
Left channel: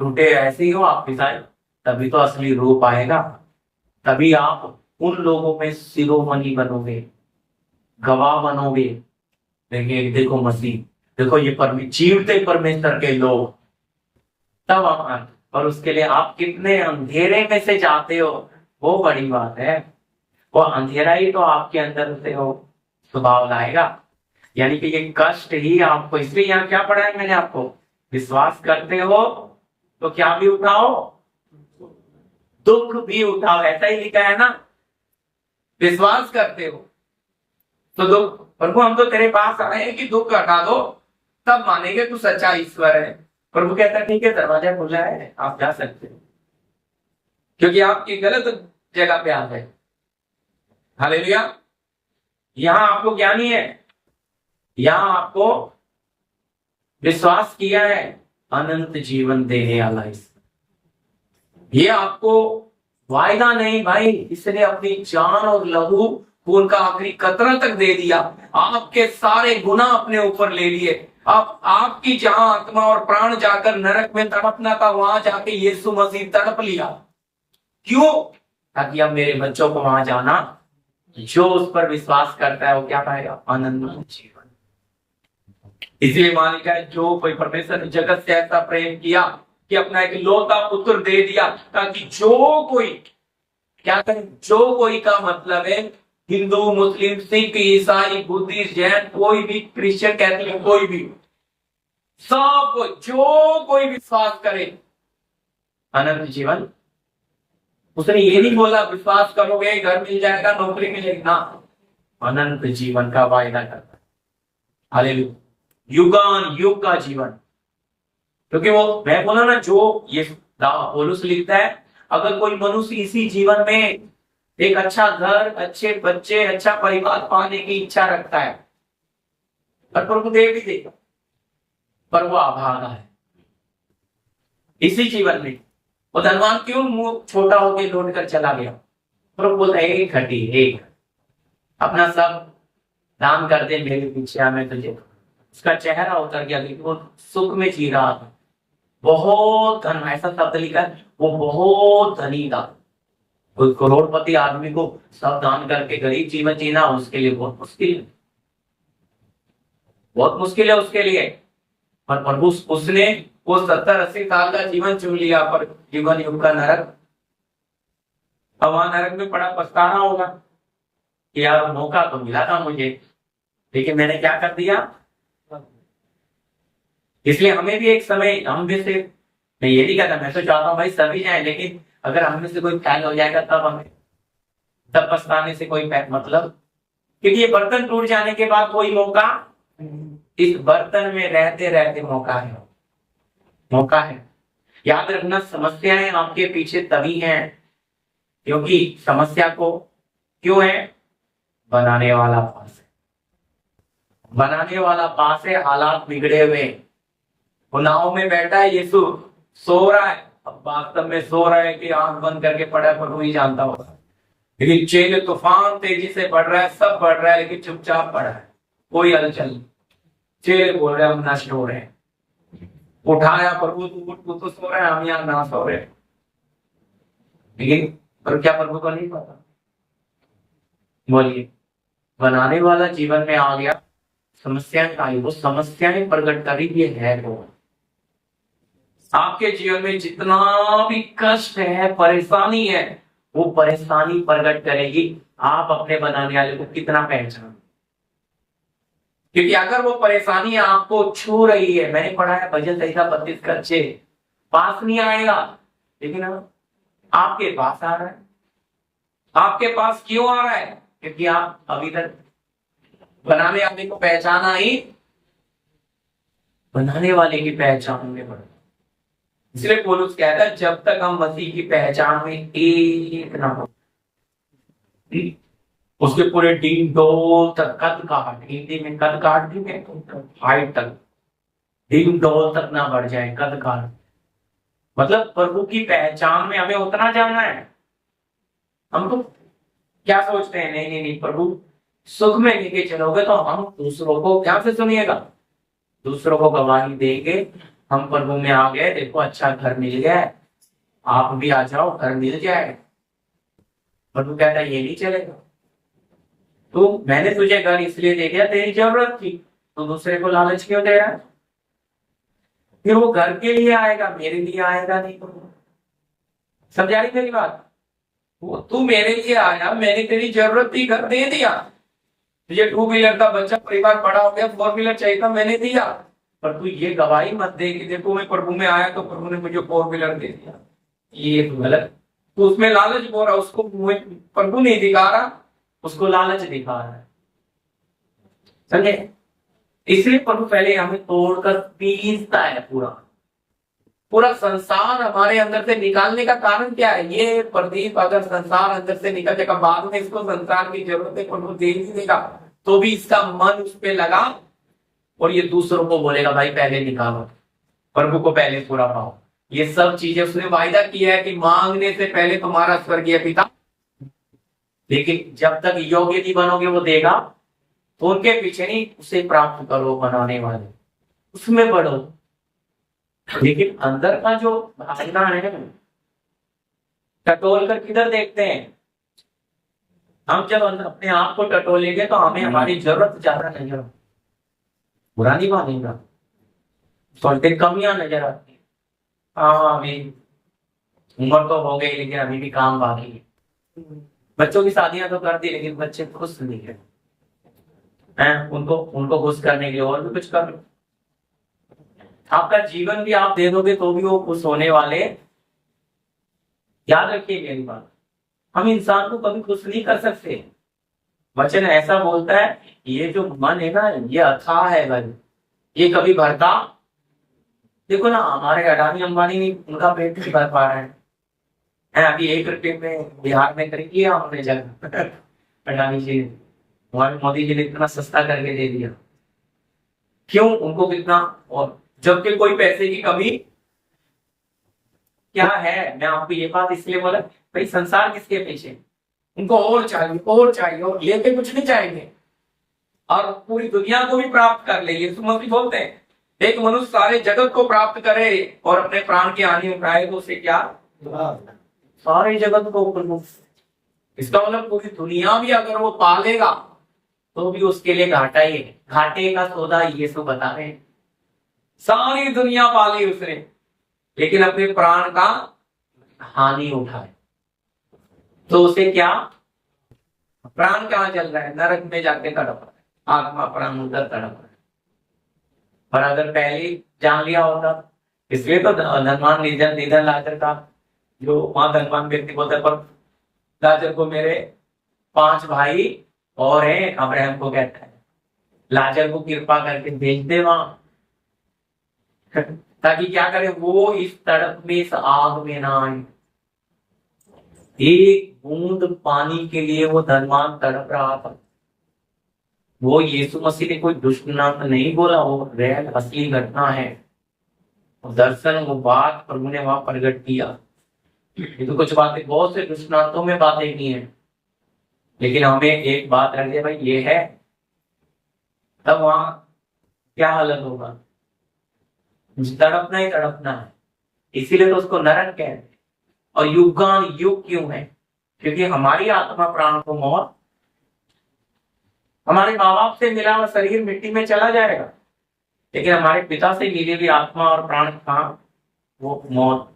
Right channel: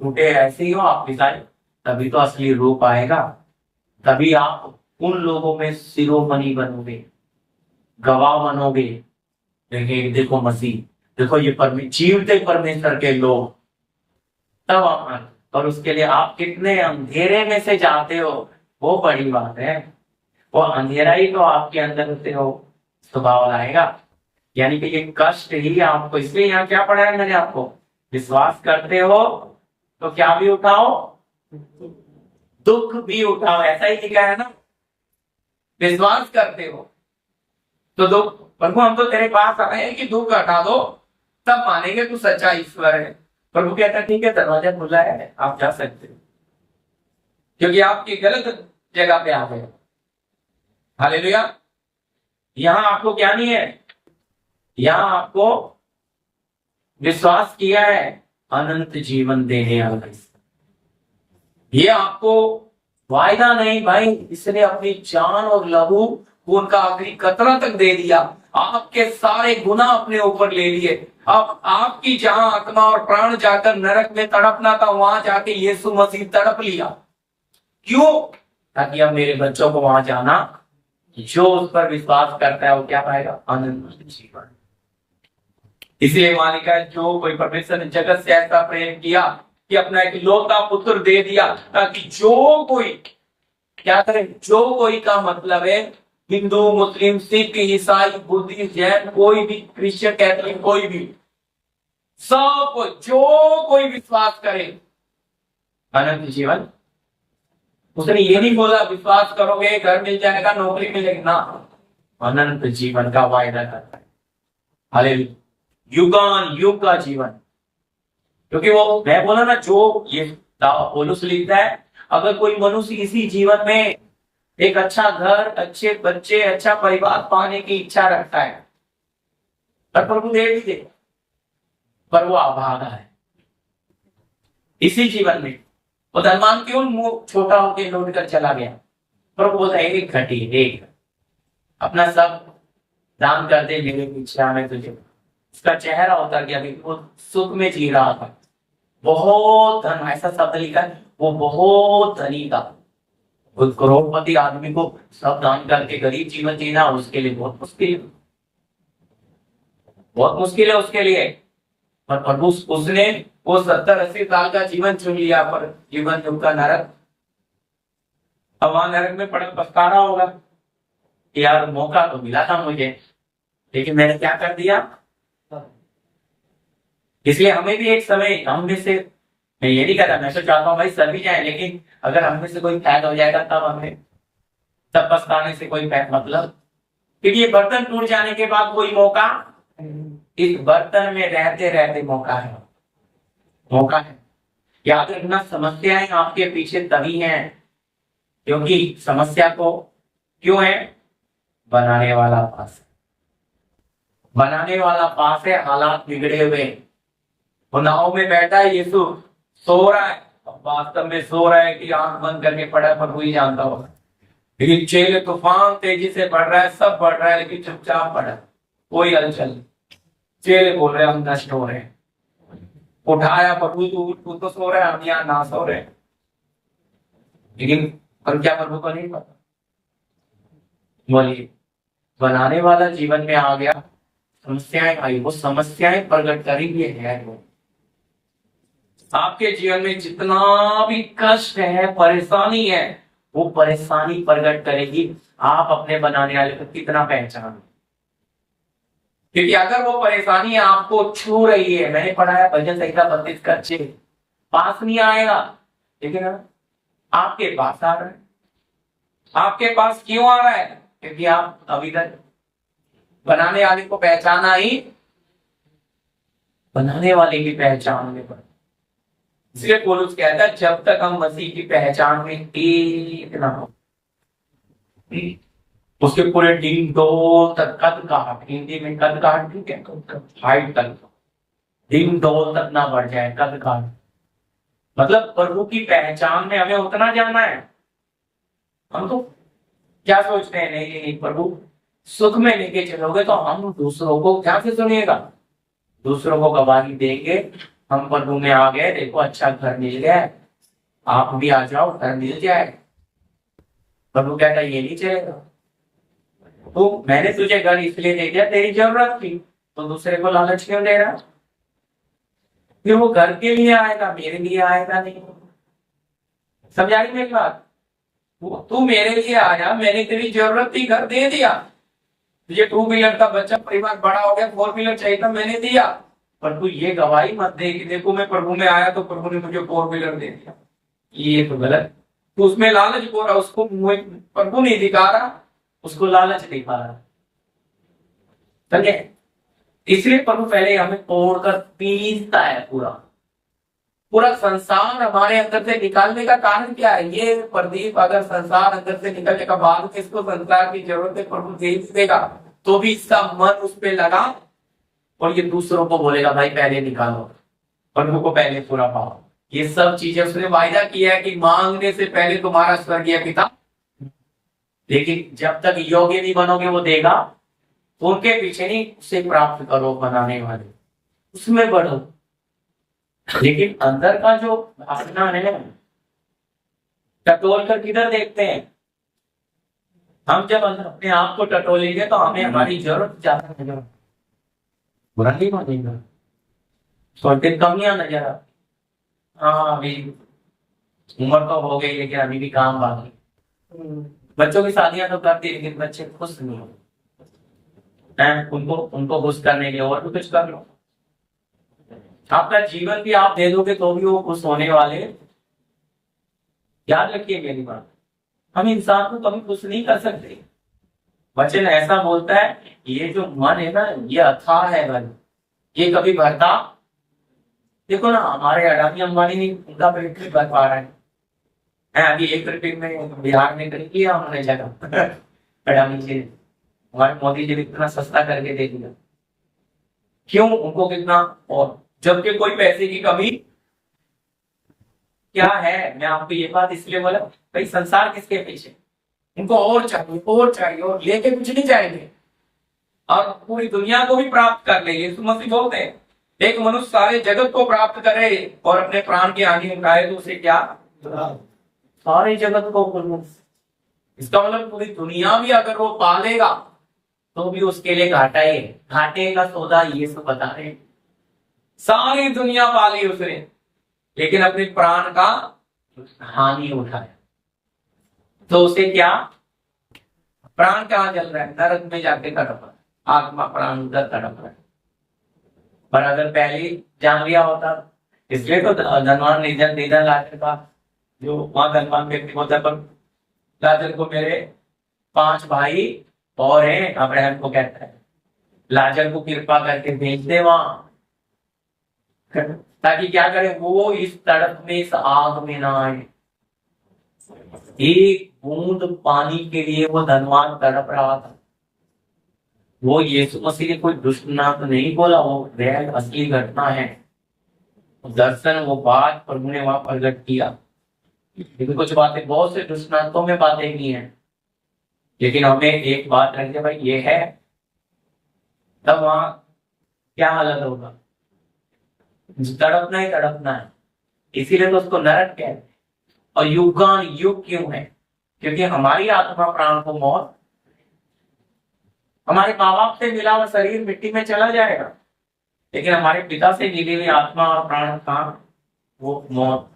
टूटे ऐसे ही हो, आप पिसाई, तभी तो असली रूप आएगा। तभी आप उन लोगों में शिरोमणि बनोगे, गवाह बनोगे। देखिए देखो मसीह, देखो ये जीवते परमेश्वर के लोग, तब आप, और उसके लिए आप कितने अंधेरे में से जाते हो, वो बड़ी बात है। वो अंधेरा ही तो आपके अंदर से हो स्वभाव लाएगा। यानी कि ये कष्ट ही आपको, इसलिए यहाँ क्या पढ़ा है मैंने आपको? विश्वास करते हो तो क्या भी उठाओ, दुख भी उठाओ, ऐसा ही लिखा है ना? विश्वास करते हो तो दुख, प्रभु हम तो तेरे पास आए हैं कि दुख हटा दो, तब मानेंगे तू सच्चा ईश्वर है। प्रभु कहता है ठीक है, दरवाजा खुला है, आप जा सकते हो, क्योंकि आपकी गलत जगह पे आप है। हालेलुया। यहां आपको क्या नहीं है? यहां आपको विश्वास किया है अनंत जीवन देने वाला ईश्वर। ये आपको वायदा नहीं भाई, इसने अपनी जान और लहू खून का आखिरी कतरा तक दे दिया, आपके सारे गुनाह अपने ऊपर ले लिए। अब आपकी जहां आत्मा और प्राण जाकर नरक में तड़पना था, वहां जाके यीशु मसीह तड़प लिया। क्यों? ताकि अब मेरे बच्चों को वहां जाना, जो उस पर विश्वास करता है वो क्या पाएगा? अनंत जीवन। इसलिए वहां लिखा है जो कोई, परमेश्वर ने जगत से ऐसा प्रेम किया कि अपना एक लौता पुत्र दे दिया, ताकि जो कोई क्या करे, जो कोई का मतलब है हिंदू मुस्लिम सिख ईसाई बुद्धिस्ट जैन, कोई भी क्रिश्चियन कैथोलिक, कोई भी, सब जो कोई विश्वास करे अनंत जीवन। उसने ये नहीं बोला विश्वास करोगे घर मिल जाएगा नौकरी मिलेगी ना, अनंत जीवन का वायदा करता है। हालेलुया। युगान युग का जीवन। क्योंकि वो मैं बोला ना, जो ये पौलुस लिखता है, अगर कोई मनुष्य इसी जीवन में एक अच्छा घर, अच्छे बच्चे, अच्छा परिवार पाने की इच्छा रखता है, पर प्रभु दे भी देगा, पर वो अभागा है इसी जीवन में। वो धनवान क्यों मुंह छोटा होकर लौट कर चला गया? प्रभु बोलता है एक घटी, एक अपना सब दान कर दे मेरे पीछे, मैं तुझे। उसका चेहरा उतर गया, वो सुख में जी रहा था, बहुत धन, ऐसा शब्द लिखा है, वो बहुत धनी था। उस करोड़पति आदमी को सब दान करके गरीब जीवन जीना उसके लिए बहुत मुश्किल है, बहुत मुश्किल है उसके लिए। पर प्रभु उसने वो 70-80 साल का जीवन चुन लिया, पर जीवन युग का नरक। अब वहां नरक में बड़ा पछताना होगा कि यार मौका तो मिला था मुझे, लेकिन मैंने क्या कर दिया। इसलिए हमें भी एक समय, हम में से, मैं ये नहीं कहता, मैं तो चाहता हूँ भाई सभी जाए, लेकिन अगर हम में से कोई फैल हो जाएगा तब पछताने से कोई मतलब, क्योंकि ये बर्तन टूट जाने के बाद कोई मौका, इस बर्तन में रहते रहते मौका है। याद रखना, समस्याएं आपके पीछे तभी हैं क्योंकि समस्या को क्यों है, बनाने वाला पास है, बनाने वाला पास है, हालात बिगड़े हुए हैं। वो नाव में बैठा है, यीशु सो रहा है, अब वास्तव में सो रहा है कि आंख बंद करके पड़ा है, प्रभु ही जानता होगा। लेकिन चेले तूफान तेजी से बढ़ रहा है, सब बढ़ रहा है, लेकिन चुपचाप पड़ा है, कोई हलचल नहीं। चेले बोल रहे हम नष्ट हो रहे हैं। उठाया, प्रभु तू उठ, तू तो सो रहा है, हम यहाँ ना सो रहे हैं। लेकिन पर क्या प्रभु को नहीं पता? बोलिए, बनाने वाला जीवन में आ गया, समस्याएं आई, वो समस्याएं प्रकट करी, ये है वो। आपके जीवन में जितना भी कष्ट है, परेशानी है, वो परेशानी प्रकट करेगी आप अपने बनाने वाले को कितना पहचान। क्योंकि अगर वो परेशानी आपको छू रही है, मैंने पढ़ा है भजन संहिता 32 का 6, पास नहीं आएगा, लेकिन आपके पास आ रहा है। आपके पास क्यों आ रहा है? क्योंकि आप अभी तक बनाने वाले को पहचाना ही, बनाने वाले की पहचान में पड़ा। इसलिए पौलुस कहता है जब तक हम मसीह की पहचान में एक ना हो, उसके पूरे डीम डोल तक, कद काट, हिंदी में कद काट, ठीक है, हाइट तक, डीम डोल तक ना बढ़ जाए, कद काट मतलब प्रभु की पहचान में हमें उतना जाना है। हम तो क्या सोचते हैं, नहीं नहीं नहीं, प्रभु सुख में लेके चलोगे तो हम दूसरों को क्या से सुनिएगा, दूसरों को गवाही देंगे, हम प्रभु में आ गए, देखो अच्छा घर मिल गया, आप भी आ जाओ, घर मिल जाए। प्रभु कहता है ये नहीं चलेगा, तो मैंने तुझे घर इसलिए दे दिया, तेरी जरूरत थी, तो दूसरे को लालच क्यों दे रहा? फिर वो घर के लिए आएगा, मेरे लिए आएगा नहीं। समझा रही मेरी बात? तू मेरे लिए आया, मैंने तेरी जरूरत थी, घर दे दिया। तुझे 2 व्हीलर का बच्चा, परिवार बड़ा हो गया, 4 व्हीलर चाहिए था, मैंने दिया। पर तू ये गवाही मत दे कि देखो मैं प्रभु में आया तो प्रभु ने मुझे 4 व्हीलर दे दिया, ये तो गलत। तो उसमें लालच बोल रहा, उसको प्रभु नहीं दिखा रहा, उसको लालच दिखा रहा है। समझे? इसलिए प्रभु पहले हमें तोड़कर पीसता है। पूरा संसार हमारे अंदर से निकालने का कारण क्या है? ये प्रदीप अगर संसार अंदर से निकल जाएगा, बाद में इसको संसार की जरूरत है, प्रभु दे ही देगा, तो भी इसका मन उस पर लगा और ये दूसरों को बोलेगा भाई पहले निकालो, प्रभु को पहले पूरा पाओ। ये सब चीजें उसने वायदा किया है कि मांगने से पहले तुम्हारा स्वर्गीय पिता, लेकिन जब तक योग्य नहीं बनोगे वो देगा, तो उनके पीछे नहीं, उसे प्राप्त करो, बनाने वाले उसमें बढ़ो। लेकिन अंदर का जो भावना है, टटोल कर किधर देखते हैं? हम जब अपने आप को टटोलेंगे तो हमें हमारी जरूरत ज्यादा नजर, बुरा नहीं मानेगा, थोड़ी कमियां नजर आती। हाँ अभी उम्र तो हो गई, लेकिन अभी भी काम बाकी है। बच्चों की शादियां तो कर दी, लेकिन बच्चे खुश नहीं है, उनको खुश करने के लिए और भी कुछ कर लो। आपका जीवन भी आप दे दोगे तो भी वो खुश होने वाले। याद रखिए मेरी बात, हम इंसान को कभी खुश नहीं कर सकते। वचन ऐसा बोलता है, ये जो मन है ना, ये अथाह है मन, ये कभी भरता। देखो ना, हमारे अडानी अंबानी ने उनका पेट नहीं भर पा रहा है। अभी 1 रुपये में बिहार में खरीद लिया हमने जगह अडानी जी ने, हमारे मोदी जी ने इतना सस्ता करके दे दिया। क्यों? उनको कितना, और जबकि कोई पैसे की कमी क्या है। मैं आपको ये बात इसलिए बोला, भाई संसार किसके पीछे, उनको और चाहिए और चाहिए, और लेके कुछ नहीं चाहेंगे, और पूरी दुनिया को भी प्राप्त कर ले। यीशु मसीह बोलते हैं एक मनुष्य सारे जगत को प्राप्त करे और अपने प्राण की हानि उठाए तो उसे क्या? सारे जगत को। इसका मतलब पूरी दुनिया भी अगर वो पालेगा तो भी उसके लिए घाटा ही है। घाटे का सौदा यीशु बता रहे हैं। सारी दुनिया पाली उसने, लेकिन अपने प्राण का हानि उठाया तो उसे क्या? प्राण कहाँ चल रहा है? नरक में जाके तड़प रहा है, आत्मा प्राण उधर तड़प रहा है। पर अगर पहले ही जान लिया होता, इसलिए तो धनवान निधन लाजर का, जो वहां धनवान व्यक्ति होता है, पर लाजर को मेरे 5 भाई और हैं, अब्राहम को कहता है लाजर को कृपा करके भेज दे वहां, ताकि क्या करे, वो इस तड़प में, इस आग में ना आए। एक बूंद पानी के लिए वो धनवान तड़प रहा था, वो यीशु मसीह ने कोई दुष्ट नाम नहीं बोला, वो रियल असली घटना है। दर्शन, वो बात प्रभु ने वहां प्रकट किया। ये तो कुछ बातें बहुत से दृष्टांतों में बातें की हैं, लेकिन हमें एक बात रखिए भाई, ये है, तब वहां क्या हालत होगा? तड़पना ही तड़पना है। इसीलिए तो उसको नरक कहते हैं। और युगान युग क्यों है? क्योंकि हमारी आत्मा प्राण को मौत, हमारे माँ बाप से मिला हुआ शरीर मिट्टी में चला जाएगा, लेकिन हमारे पिता से मिली हुई आत्मा और प्राण का वो मौत,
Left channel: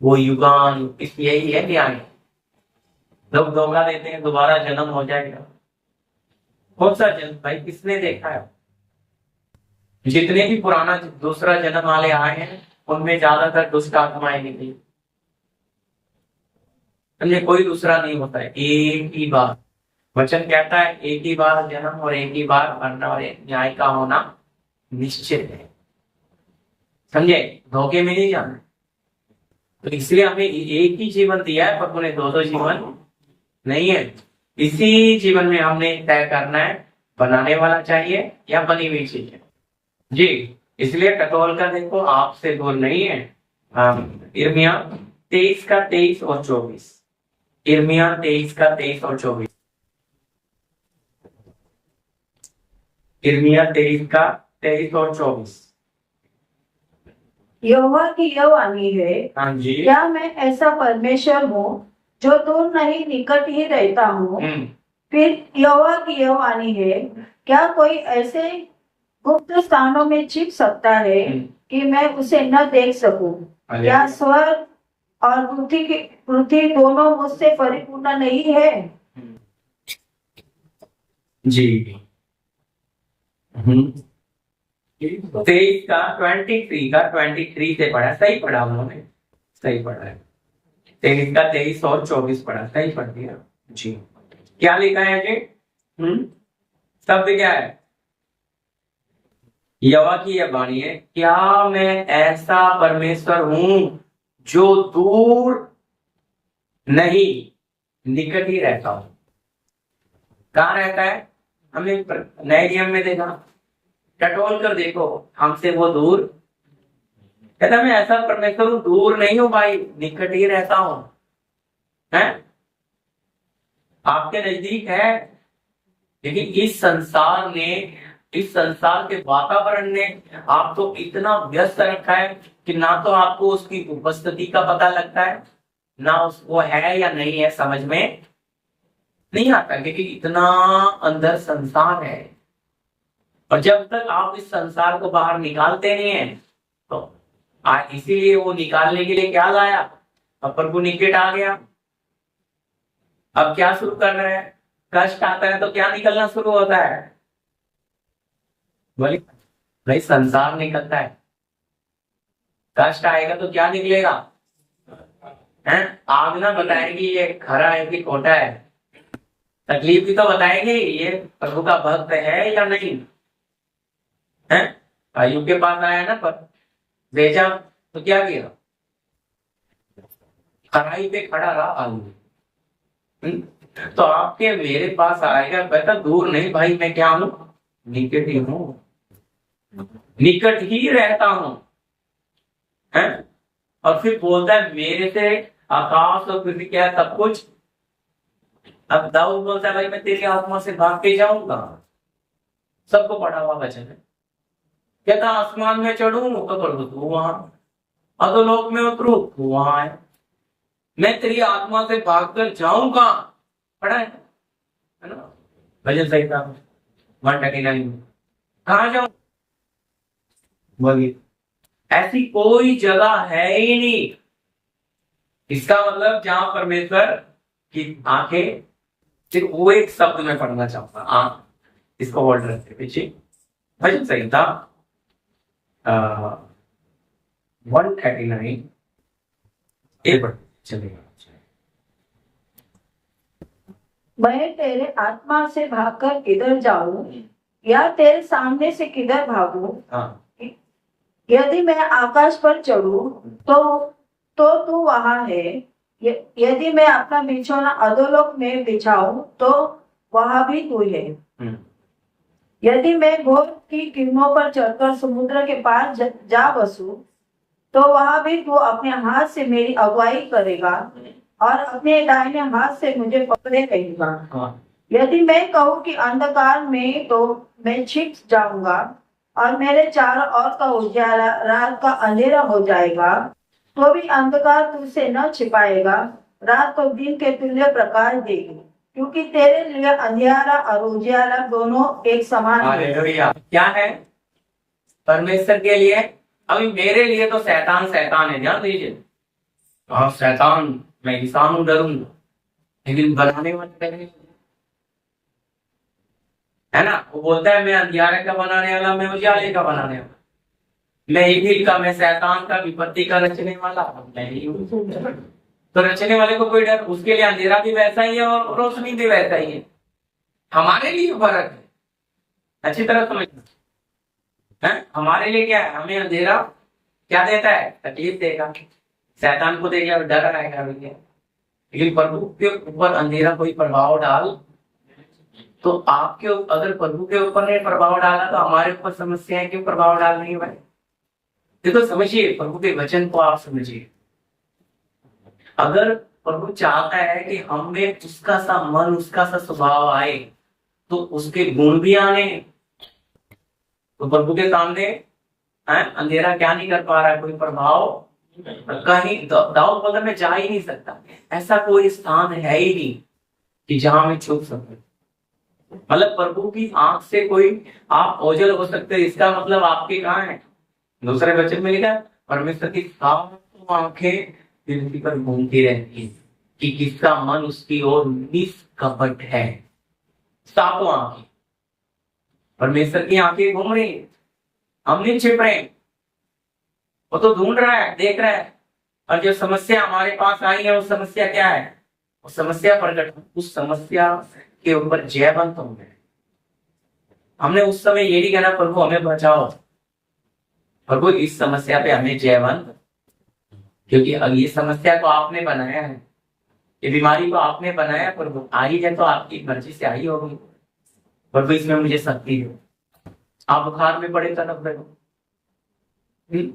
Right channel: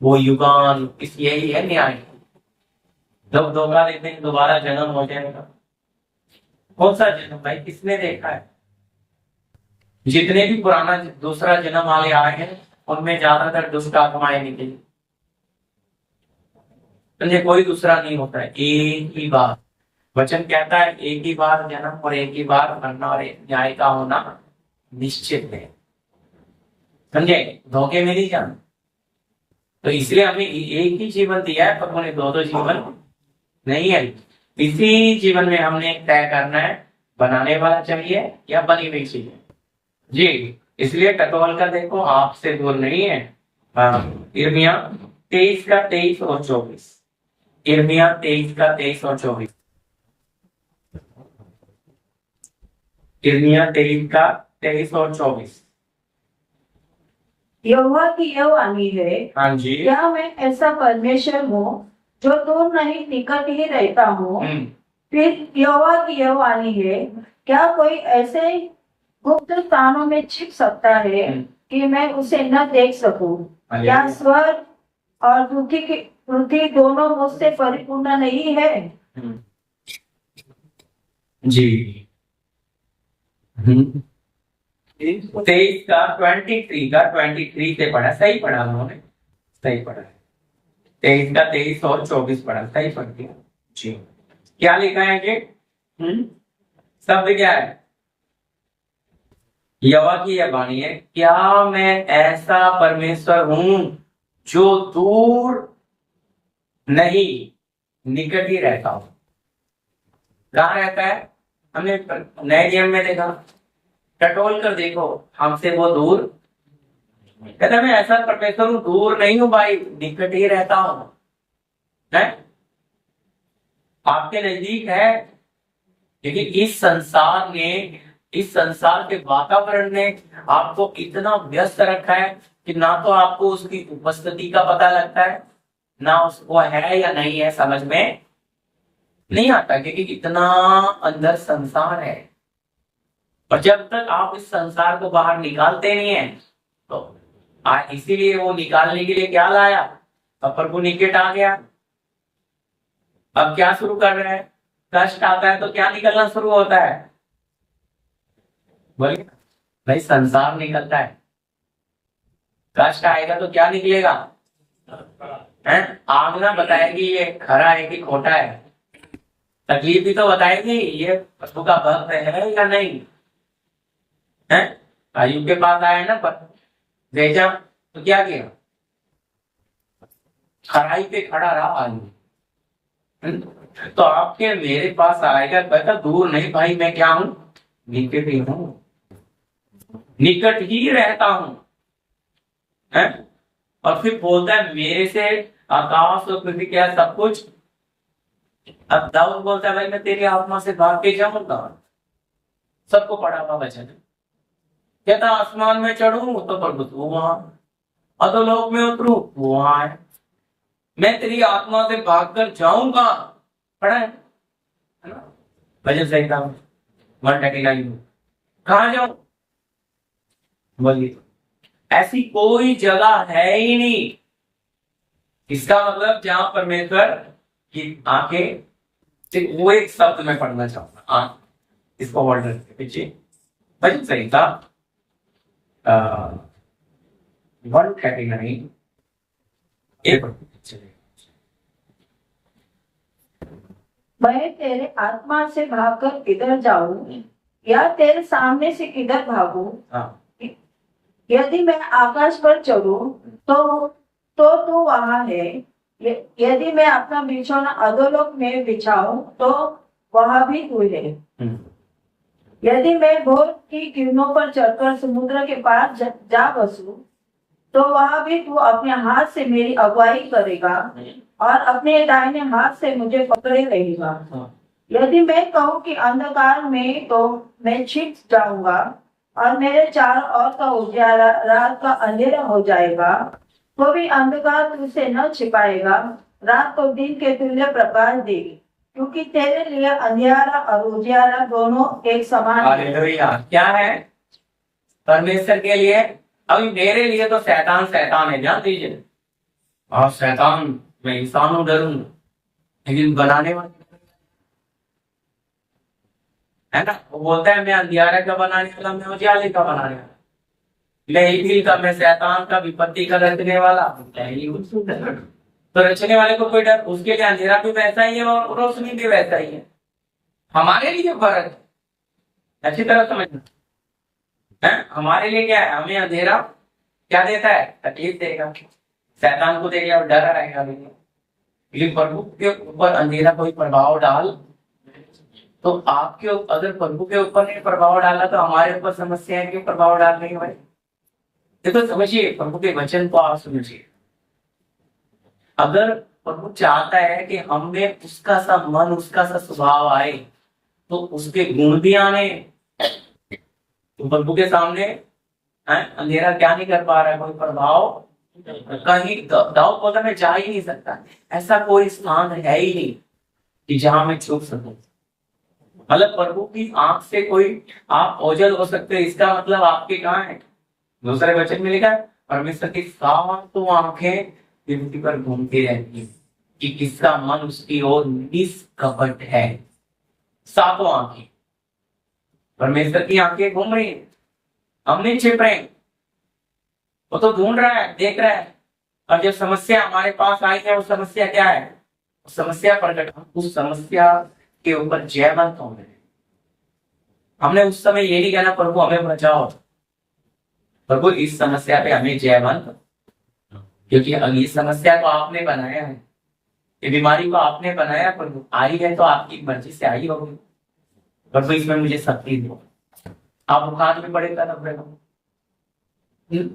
वो युगान, इस यही है न्याय। जब धोखा देते हैं दोबारा जन्म हो जाएगा। कौन सा जन्म भाई, किसने देखा है? जितने भी पुराना दूसरा जन्म वाले आए हैं उनमें ज्यादातर दुष्ट आत्माएं निकली। कोई दूसरा नहीं होता है, एक ही बार। वचन कहता है एक ही बार जन्म और एक ही बार मरना और न्याय का होना निश्चित है। समझे? धोखे में नहीं जाना। तो इसलिए हमें एक ही जीवन दिया है, प्रभु ने दो जीवन नहीं है। इसी जीवन में हमने तय करना है, बनाने वाला चाहिए या बनी हुई चीजें जी। इसलिए टटोल का देखो, आपसे दूर नहीं है। इर्मिया 23 का 23 और 24। इर्मिया 23 का 23 और 24। इर्मिया 23 का 23 और 24। यहोवा की यह वाणी है, हाँ जी। क्या मैं ऐसा परमेश्वर हूँ जो दूर नहीं निकट ही रहता हूँ? फिर यहोवा की यह वाणी है, क्या कोई ऐसे गुप्त स्थानों में छिप सकता है कि मैं उसे न देख सकूं? क्या स्वर्ग और पृथ्वी दोनों मुझसे परिपूर्ण नहीं है? जी। 23 का 23 से पढ़ा, सही पढ़ा उन्होंने, सही पढ़ा है। 23 का 23 और 24 पढ़ा, सही पढ़ दिया जी। क्या लिखा है जी? शब्द क्या है? यहोवा की यह वाणी है, क्या मैं ऐसा परमेश्वर हूं जो दूर नहीं निकट ही रहता हूं। कहां रहता है? हमने नए नियम में देखा, टटोल कर देखो, हमसे वो दूर, कहता मैं ऐसा परमेश्वर हूं, दूर नहीं हूं भाई, निकट ही रहता हूं। है आपके नजदीक है, लेकिन इस संसार के वातावरण ने आपको इतना व्यस्त रखा है कि ना तो आपको उसकी उपस्थिति का पता लगता है, ना उसको है या नहीं है समझ में नहीं आता, क्योंकि इतना अंदर संसार है। और जब तक आप इस संसार को बाहर निकालते नहीं है, तो इसीलिए वो निकालने के लिए क्या लाया? अब प्रभु निकट आ गया। अब क्या शुरू कर रहे हैं? कष्ट आता है तो क्या निकलना शुरू होता है? बोलिए भाई, संसार निकलता है। कष्ट आएगा तो क्या निकलेगा? आग ना बताएगी ये खरा है कि खोटा है, तकलीफ भी तो बताएगी ये प्रभु का भक्त है या नहीं है। अय्यूब के पास आया ना, पर भेजा तो क्या किया? खराई पे खड़ा रहा अय्यूब। तो आपके मेरे पास आएगा, कहता दूर नहीं भाई, मैं क्या हूं? निकट ही हूं, निकट ही रहता हूं। है? और फिर बोलता है मेरे से आकाश और पृथ्वी क्या सब कुछ। अब दाऊद बोलता है भाई मैं तेरी आत्मा से भाग के जाऊंगा। सबको पढ़ा हुआ वचन है। कहता आसमान में चढ़ूं तो प्रभु तू वहां, अधोलोक में उतरूं वो वहां है, मैं तेरी आत्मा से भागकर जाऊंगा। पढ़ा है ना भजन संहिता 139। कहां जाऊं? बोलिए, ऐसी कोई जगह है ही नहीं। इसका मतलब जहां परमेश्वर की आंखें, सिर्फ वो एक शब्द में पढ़ना चाहूंगा, आंख, इसको वर्ड रखते पीछे भजन संहिता 139 चलेगा। मैं तेरे आत्मा से भागकर किधर जाऊं या तेरे सामने से किधर भागूं? यदि मैं आकाश पर चढ़ूं तो तू वहां है, यदि मैं अपना बिछौना अधोलोक में बिछाऊं तो वहां भी तू है। यदि मैं घोर की किरणों पर चढ़कर समुद्र के पार जा बसूं, तो वहां भी तू अपने हाथ से मेरी अगुवाई करेगा और अपने दाहिने हाथ से मुझे पकड़े रहेगा। यदि मैं कहूँ कि अंधकार में, तो मैं छिप जाऊंगा और मेरे चारों ओर का उजियारा रात का अंधेरा हो जाएगा, तो भी अंधकार तुझसे न छिपाएगा। रात को दिन के तुल्य प्रकाश देगी, क्योंकि तेरे लिए अंधियारा और उजियारा दोनों एक समान है। हालेलुया। क्या है परमेश्वर के लिए? अभी मेरे लिए तो शैतान शैतान है, जान लीजिए। हाँ शैतान, मैं इंसान हूं, डरूंगा, लेकिन बनाने वाले मेरे, है ना। वो बोलता है मैं अंधियारे का बनाने वाला, मैं उजाले का बनाने वाला, मैं ईविल का, मैं शैतान का, विपत्ति का रचने वाला, मैं ही हूं। तो रचने वाले को कोई डर, उसके लिए अंधेरा भी वैसा ही है और रोशनी भी वैसा ही है। हमारे लिए फर्क है, अच्छी तरह समझना है। हमारे लिए क्या है? हमें अंधेरा क्या देता है? तकलीफ देगा, शैतान को देगा और डर आएगा हमें। लेकिन प्रभु के ऊपर अंधेरा कोई प्रभाव डाल, तो आपके अगर प्रभु के ऊपर ने प्रभाव डाला, तो हमारे ऊपर समस्याएं क्यों प्रभाव डाल रही है भाई? देखो समझिए, प्रभु के वचन को आप समझिए। अगर प्रभु चाहता है कि हमें उसका सा मन, उसका सा स्वभाव आए, तो उसके गुण भी आने, तो प्रभु के सामने अंधेरा क्या नहीं कर पा रहा है? कोई प्रभाव कहीं दाऊद पद में जा ही नहीं सकता। ऐसा कोई स्थान है ही नहीं कि जहां मैं छुप सकूं। मतलब प्रभु की आंख से कोई आप ओझल हो सकते, इसका मतलब आपके कहाँ है? दूसरे वचन में लिखा है परमेश्वर की सातों आंखें पृथ्वी पर घूमती रहती है कि किसका मन उसकी ओर निष्कपट है। सातों आंखें, परमेश्वर की आंखें घूम रही है, हम नहीं छिप रहे, वो तो ढूंढ रहा है, देख रहा है। और जब समस्या हमारे पास आई है, वो समस्या क्या है? वो समस्या प्रकट, उस समस्या के ऊपर जयवंत हो गए। हमने उस समय ये नहीं कहना प्रभु हमें बचाओ, प्रभु इस समस्या पे हमें जयवंत, क्योंकि ये समस्या को आपने बनाया है, ये बीमारी को आपने बनाया, प्रभु आई है तो आपकी मर्जी से आई होगी, प्रभु इसमें मुझे शक्ति दो। आप बुखार में पड़े तड़प रहे हो,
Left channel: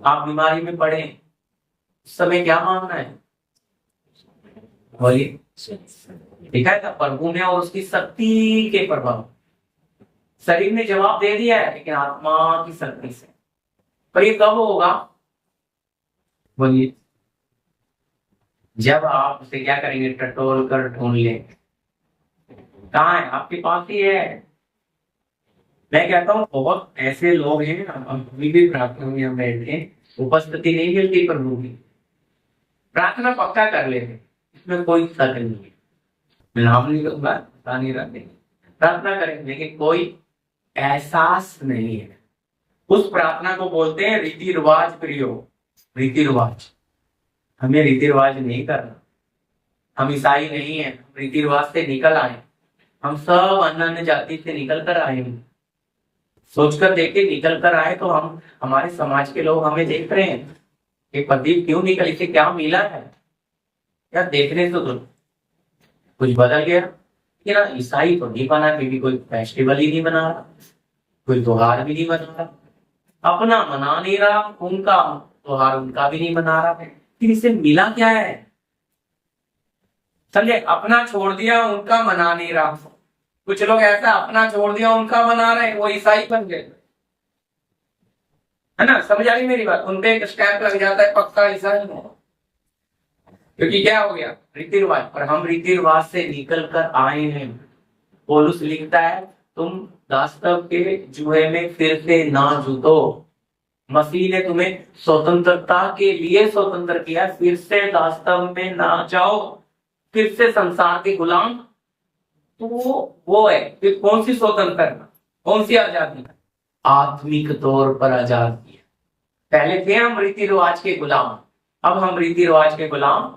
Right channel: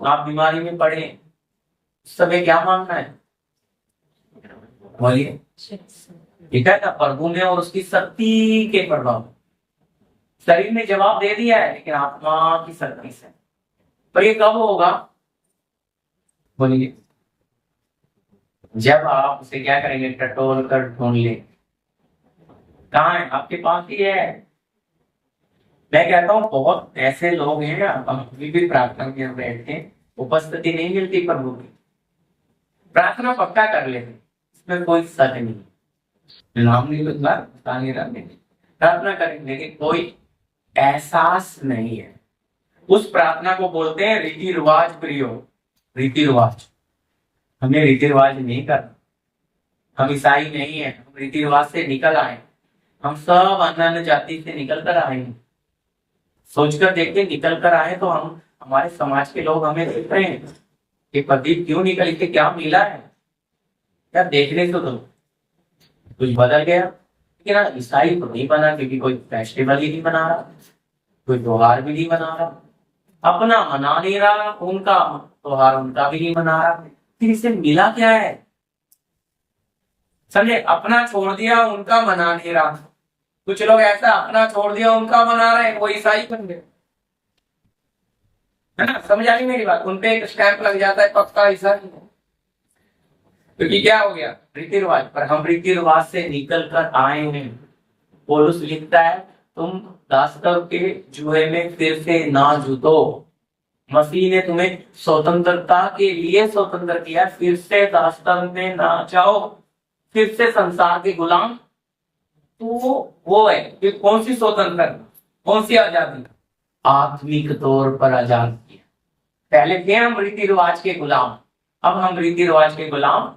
आप बीमारी में पड़े, उस समय क्या मांगना है? बोलिए। लिखा है ना प्रभु में और उसकी शक्ति के प्रभाव। शरीर ने जवाब दे दिया है, लेकिन आत्मा की शक्ति से। पर ये कब होगा? बोलिए। जब आप उसे क्या करेंगे? टटोल कर ढूंढ ले। कहाँ है? आपके पास ही है। मैं कहता हूँ बहुत ऐसे लोग हैं, हम भी प्रार्थना में बैठ के उपस्थिति नहीं मिलती प्रभु की, प्रार्थना पक्का कर लेते, इसमें कोई शक नहीं है। नाम नहीं लूंगा, बता नहीं रहा, प्रार्थना करें, लेकिन कोई एहसास नहीं है। उस प्रार्थना को बोलते हैं रीति रिवाज प्रियो। रीति रिवाज, हमें रीति रिवाज नहीं करना। हम ईसाई नहीं है, हम रीति रिवाज से निकल आए। हम सब अन्य जाति से निकल कर आए हैं। सोचकर देखे, निकल कर आए तो हम, हमारे समाज के लोग हमें देख रहे हैं कि प्रदीप क्यों निकल, इसे क्या मिला है? क्या देखने से तो कुछ बदल गया। लेकिन ना ईसाई तो नहीं बना, क्योंकि कोई फेस्टिवल ही नहीं बना रहा, कोई त्योहार भी नहीं बना रहा, अपना मना नहीं रहा, उनका त्योहार उनका भी नहीं मना रहा। फिर इसे मिला क्या है? समझे? अपना छोड़ दिया, उनका मना नहीं रहा। कुछ लोग ऐसा अपना छोड़ दिया, उनका मना रहे, वो ईसाई बन गए, है ना। समझ आ रही मेरी बात? उनपे एक स्टैंप लग जाता है, पक्का ईसाई है। क्योंकि क्या हो गया? रीति रिवाज। पर हम रीति रिवाज से निकल कर आए हैं। पौलुस लिखता है तुम दासत्व के जुए में फिर से ना जूतो। मसीह ने तुम्हें स्वतंत्रता के लिए स्वतंत्र किया, फिर से दासत्व में ना जाओ, फिर से संसार के गुलाम। तो वो है कि कौन सी स्वतंत्रता, कौन सी आजादी? आत्मिक तौर पर आजादी। पहले थे हम रीति रिवाज के गुलाम, अब हम रीति रिवाज के गुलाम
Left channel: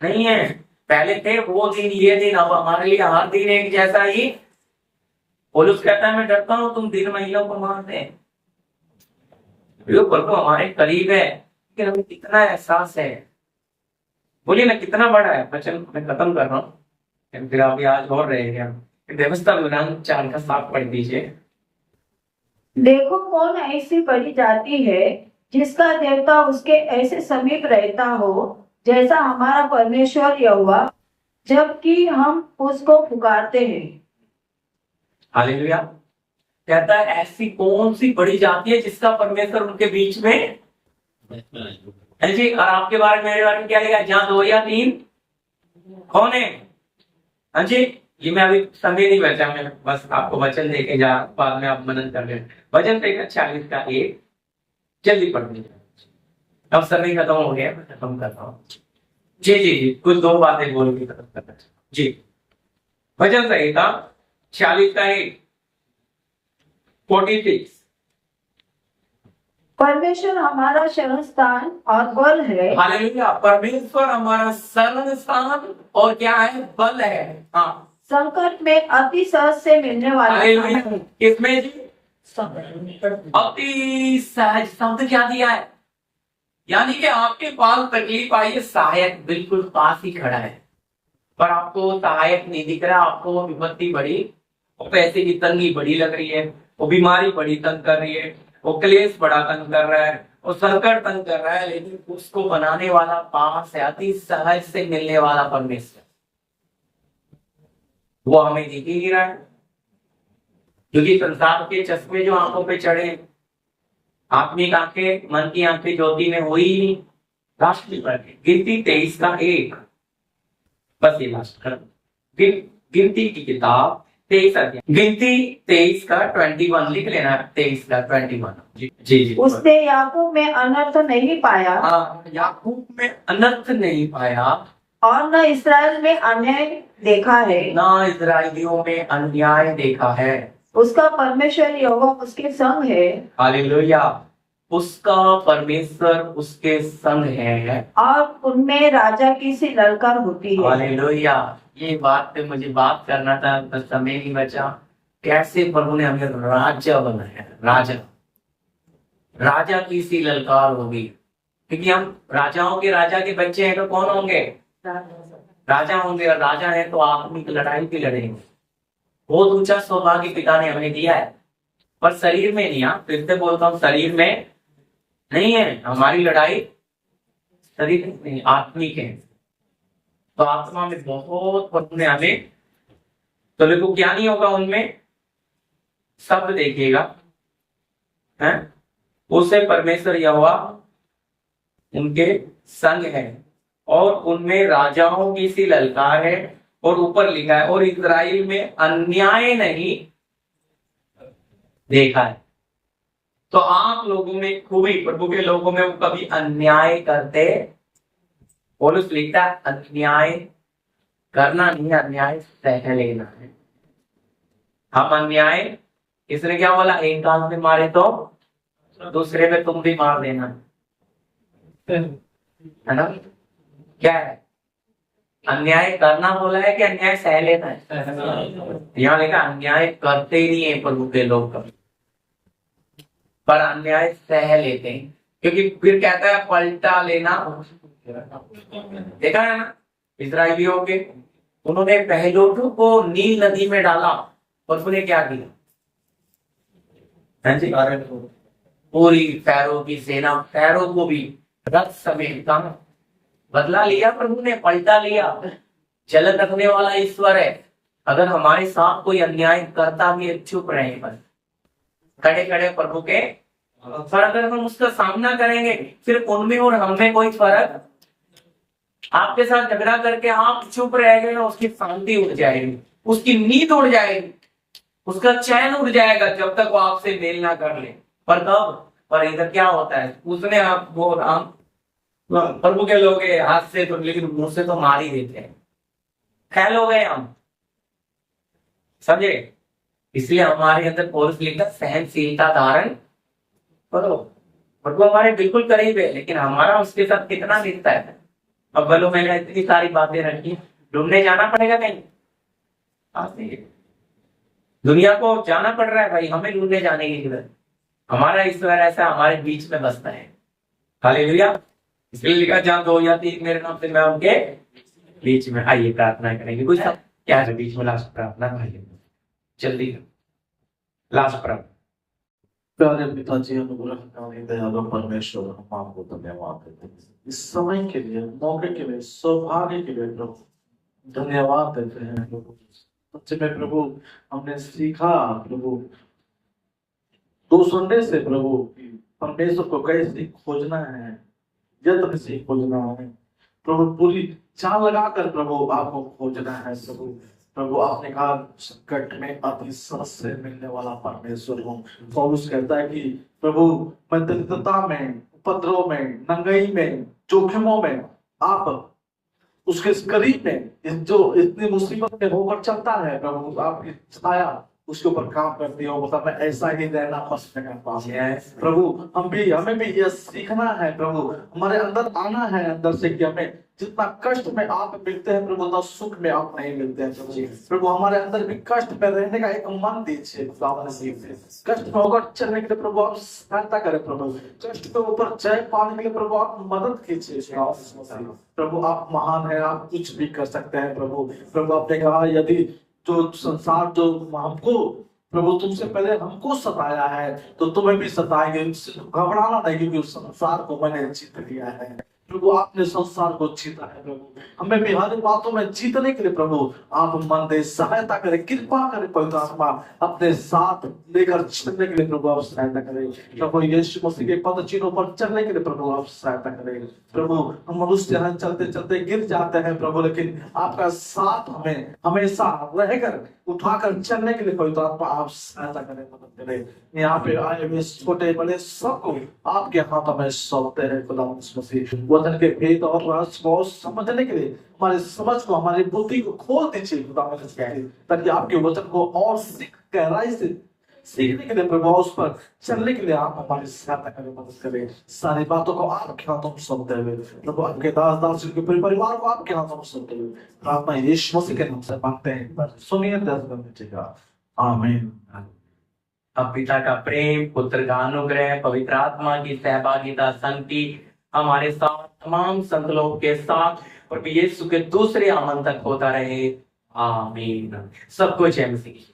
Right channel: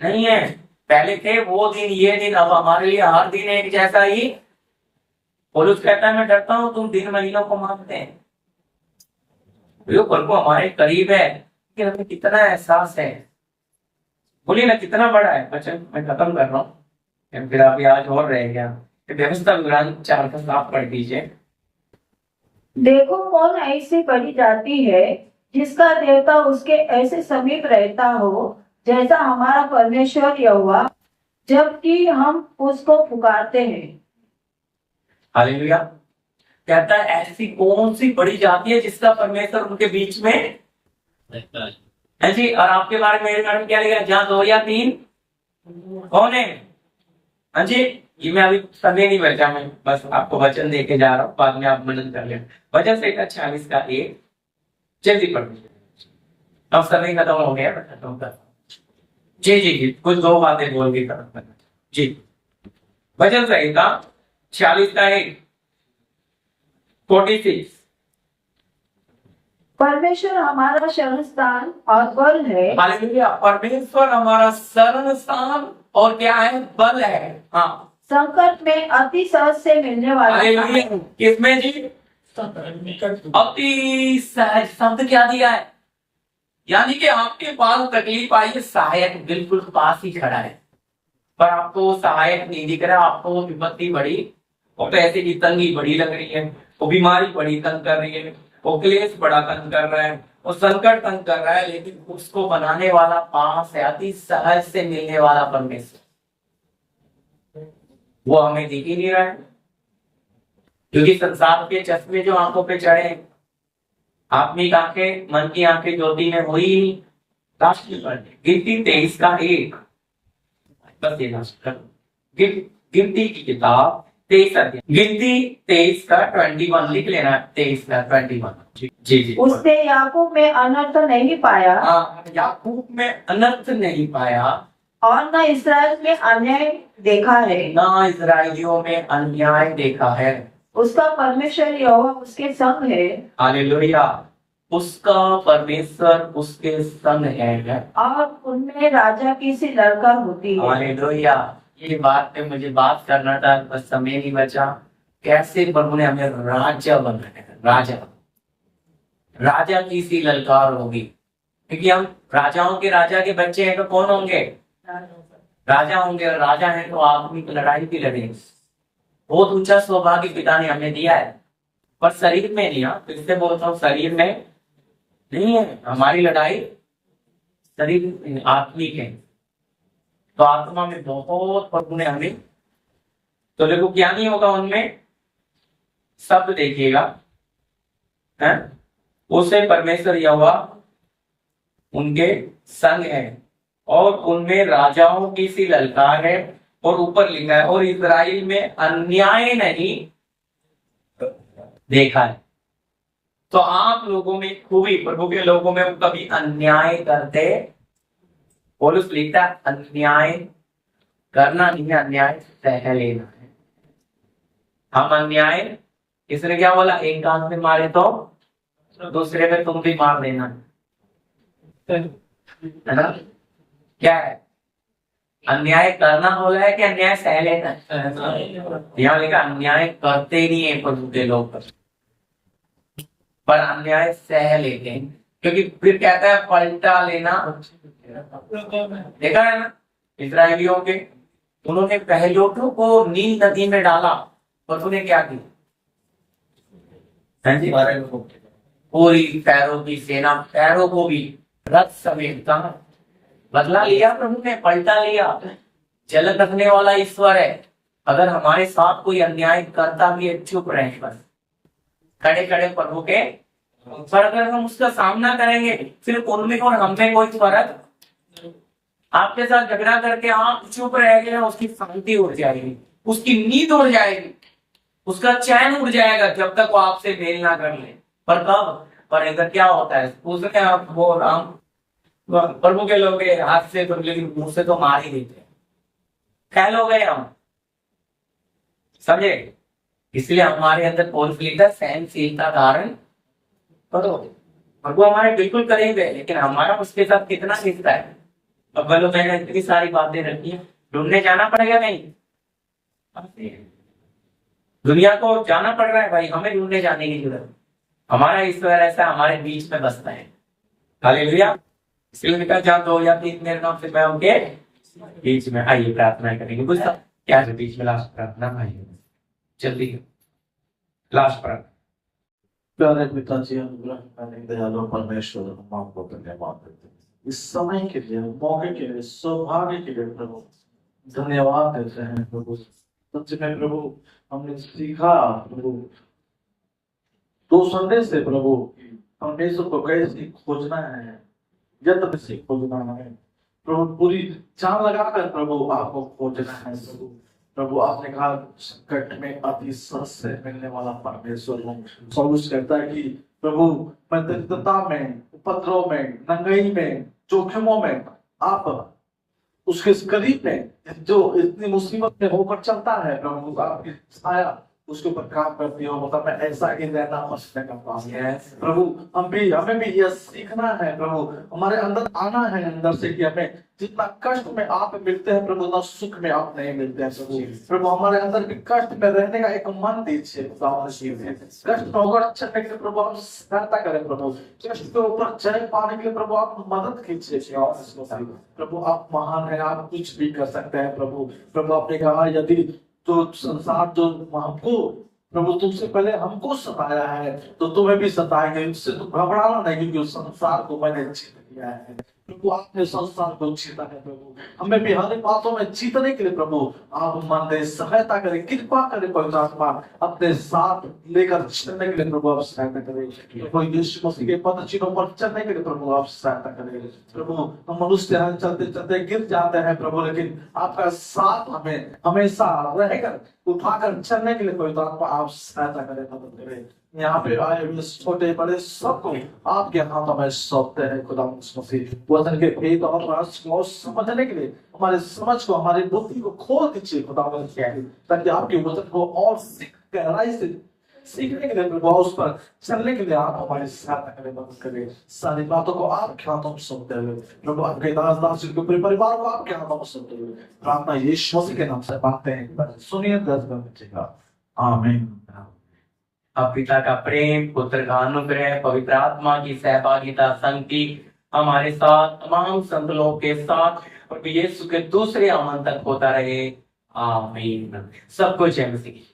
नहीं है। पहले थे वो दिन ये दिन, अब हमारे लिए हर दिन एक जैसा ही। पौलुस कहता है मैं डरता हूं तुम दिन महीनों को मानते हैं। प्रभु हमारे करीब है, लेकिन हमें कितना एहसास है? बोलिए ना, कितना बड़ा है वचन। मैं खत्म कर रहा हूँ, फिर आप आज और रहेगा। व्यवस्था विवरण 4 का साफ पढ़ दीजिए। देखो कौन ऐसी करी जाती है जिसका देवता उसके ऐसे समीप रहता हो जैसा हमारा परमेश्वर यहोवा, जबकि हम उसको पुकारते हैं। हालेलुया। कहता है ऐसी कौन सी बड़ी जाति है जिसका परमेश्वर उनके बीच में है जी। और आपके बारे में, मेरे बारे में क्या लिखा है? जहाँ 2 या 3 कौन है? हाँ जी। ये मैं अभी समय नहीं बचा, मैं बस आपको वचन देके जा रहा हूँ, बाद में आप मनन कर लेना। वचन संहिता 40 का 1 जल्दी पढ़ लीजिए। अब समय खत्म हो गया, मैं खत्म करता हूँ। जी जी जी, कुछ 2 बातें बोल के खत्म करना जी। वचन संहिता 40 का 1 46। परमेश्वर हमारा शरण स्थान और बल है। हालेलुया। परमेश्वर हमारा शरण स्थान और क्या है? बल है। हाँ, संकट में अति सहज से मिलने वाला। हालेलुया। किसमें जी? अति सहज शब्द क्या दिया है? यानी कि आपके पास तकलीफ आई है, सहायक बिल्कुल पास ही खड़ा है, पर आपको वो सहायक नहीं दिख रहा। आपको वो विपत्ति बड़ी और पैसे की तंगी बड़ी लग रही है, वो बीमारी बड़ी तंग कर रही है, वो क्लेश बड़ा तंग कर रहा है, वो संकट तंग कर रहा है, लेकिन उसको बनाने वाला पास है, अति सहज से मिलने वाला परमेश्वर। वो हमें दिख ही नहीं रहा है, क्योंकि संसार के चश्मे जो आंखों पे चढ़े, आत्मिक आंखें, मन की आंखें ज्योति में हुई ही नहीं। लास्ट की बात है, गिनती 23 का 1, बस ये लास्ट कर। गिनती की किताब 23 अध्याय, गिनती 23 का 21 लिख लेना। 23 का 21 जी जी जी। उसने याकूब में अनर्थ नहीं पाया। हाँ, याकूब में अनर्थ नहीं पाया और न इसराइल में अन्याय देखा है। ना इजराइलियों में अन्याय देखा है। उसका परमेश्वर यहोवा उसके संग है। हालेलुया। उसका परमेश्वर उसके संग है और उनमें राजा की सी ललकार होती है। हालेलुया। ये बात पे मुझे बात करना था, बस समय नहीं बचा। कैसे प्रभु ने हमें राजा बनाया, राजा राजा की सी ललकार होगी, क्योंकि हम राजाओं के राजा के बच्चे हैं तो कौन होंगे? राजा होंगे। और राजा है तो आत्मिक लड़ाई भी लड़ेंगे। बहुत ऊंचा सौभाग्य पिता ने हमें दिया है, पर शरीर में नहीं। हाँ, फिर से बोलता हूँ, शरीर में नहीं है हमारी लड़ाई, शरीर में आत्मिक है। तो आत्मा में बहुत प्रभु ने हमें, तो देखो क्या नहीं होगा उनमें शब्द देखिएगा, है उसे परमेश्वर यहोवा उनके संग है और उनमें राजाओं की सी ललकार है। और ऊपर लिखा है, और इस्राएल में अन्याय नहीं देखा है। तो आप लोगों में खूबी, प्रभु के लोगों में वो कभी अन्याय करते? पौलुस लिखता है अन्याय करना नहीं, अन्याय सह लेना है। हम अन्याय, इसने क्या बोला? एक गांव में मारे तो दूसरे में तुम भी मार देना, है ना? क्या है? अन्याय करना बोला है कि अन्याय सह लेना है? यहाँ लिखा अन्याय करते नहीं है प्रभु के लोग, पर अन्याय सह लेते हैं। क्योंकि फिर कहता है पलटा लेना। देखा है ना इस्राएलियों के, उन्होंने पहलोठों को नील नदी में डाला, प्रभु ने क्या किया? हाँ जी, पूरी फैरो की सेना, फैरो को भी रथ समेत कहा बदला लिया प्रभु ने, पलटा लिया। जलद रखने वाला ईश्वर है। अगर हमारे साथ कोई अन्याय करता भी है, चुप रहे, बस खड़े खड़े प्रभु के। पर अगर हम उसका सामना करेंगे, फिर उनमें और हमें कोई फर्क, आपके साथ झगड़ा करके आप चुप रह गए, उसकी शांति उड़ जाएगी, उसकी नींद उड़ जाएगी, उसका चैन उड़ जाएगा, जब तक वो आपसे मेल ना कर ले। पर कब? पर इधर क्या होता है, उसने आप वो राम प्रभु के लोग हाथ से तो, लेकिन मुंह से तो मार ही देते हैं। फैल हो गए हम, समझे? इसलिए हमारे अंदर पौलुस लिखता है सहनशीलता धारण करो। प्रभु हमारे बिल्कुल करीब है, लेकिन हमारा उसके साथ कितना रिश्ता है? अब बोलो मैंने इतनी सारी बातें रखी, ढूंढने जाना पड़ेगा कहीं? दुनिया को जाना पड़ रहा है भाई, हमें ढूंढने जाने की जरूरत। हमारा ईश्वर ऐसा हमारे बीच में बसता है। हालेलुया। इसलिए लिखा, जहाँ 2 या 3 मेरे नाम से मैं उनके बीच में। आइए प्रार्थना करेंगे। कुछ क्या है बीच में? लास्ट प्रार्थना भाई, जल्दी लास्ट प्रार्थना। प्यारे पिताजी, अनुग्रहकारी दयालु परमेश्वर, हम आपको धन्यवाद देते हैं इस समय के लिए, मौके के लिए, सौभाग्य के लिए प्रभु धन्यवाद देते हैं प्रभु। सच में प्रभु हमने सीखा प्रभु 2 संडे से प्रभु परमेश्वर को कैसे खोजना है, यत्न से खोजना है प्रभु, पूरी जान लगाकर प्रभु आपको खोजना है प्रभु। प्रभु आपने कहा संकट में अति सहज से मिलने वाला परमेश्वर हूँ। पौलुस कहता है कि प्रभु मैं दरिद्रता में, उपद्रव में, नंगाई में, जोखिमों में आप उसके करीब में जो इतनी मुसीबत में होकर चलता है प्रभु, आपकी छाया उसके ऊपर काम करती हो, मतलब मैं ऐसा ही रहना पसंद करता हूँ। प्रभु हमें भी यह सीखना है प्रभु, हमारे अंदर आना है अंदर से कि हमें जितना कष्ट में आप मिलते हैं प्रभु, उतना सुख में आप नहीं मिलते हैं प्रभु। प्रभु हमारे अंदर भी कष्ट में रहने का एक मन दीजिए, कष्ट में ऊपर चलने के लिए प्रभु आप सहायता करें प्रभु, कष्ट के ऊपर जय पाने के लिए प्रभु आप मदद कीजिए प्रभु। आप महान है, आप कुछ भी कर सकते हैं प्रभु। प्रभु आपने कहा यदि जो संसार जो हमको प्रभु तुमसे पहले हमको सताया है तो तुम्हें भी सताएंगे, इससे तो घबराना नहीं, क्योंकि उस संसार को मैंने जीत लिया है प्रभु। आपने संसार को जीता है प्रभु, हमें भी हर बातों में जीतने के लिए प्रभु आप मन दे, सहायता करें, कृपा करें पवित्र आत्मा अपने साथ लेकर चलने के लिए प्रभु आप सहायता करें प्रभु। यीशु मसीह के पद चिन्हों पर चलने के लिए प्रभु आप सहायता करें प्रभु। हम मनुष्य हैं, चलते चलते गिर जाते हैं प्रभु, लेकिन आपका साथ हमें हमेशा रहकर उठाकर चलने के लिए पवित्र आत्मा आप सहायता करें, मदद करें। यहाँ पे आए हुए छोटे बड़े सबको आपके हाथों में सौंपते हैं खुदा मसीह। वचन के भेद और रहस्य को समझने के लिए हमारे समझ को, हमारी बुद्धि को खोल दीजिए खुदा मसीह, ताकि आपके वचन को और गहराई से सीखने के लिए प्रभु, उस पर चलने के लिए आप हमारी सहायता करें, मदद करें। सारी बातों को आपके हाथों में सौंपते हुए प्रभु, आपके दास के पूरे परिवार को आपके हाथों में सौंपते हुए प्रार्थना यीशु मसीह के नाम से मांगते हैं, सुनिए दस का आमीन। अब पिता का प्रेम, पुत्र का अनुग्रह, पवित्र आत्मा की सहभागिता, संगति हमारे साथ तमाम संत लोगों के साथ और यीशु के दूसरे आगमन तक होता रहे। आमीन। सबको जय मसीह।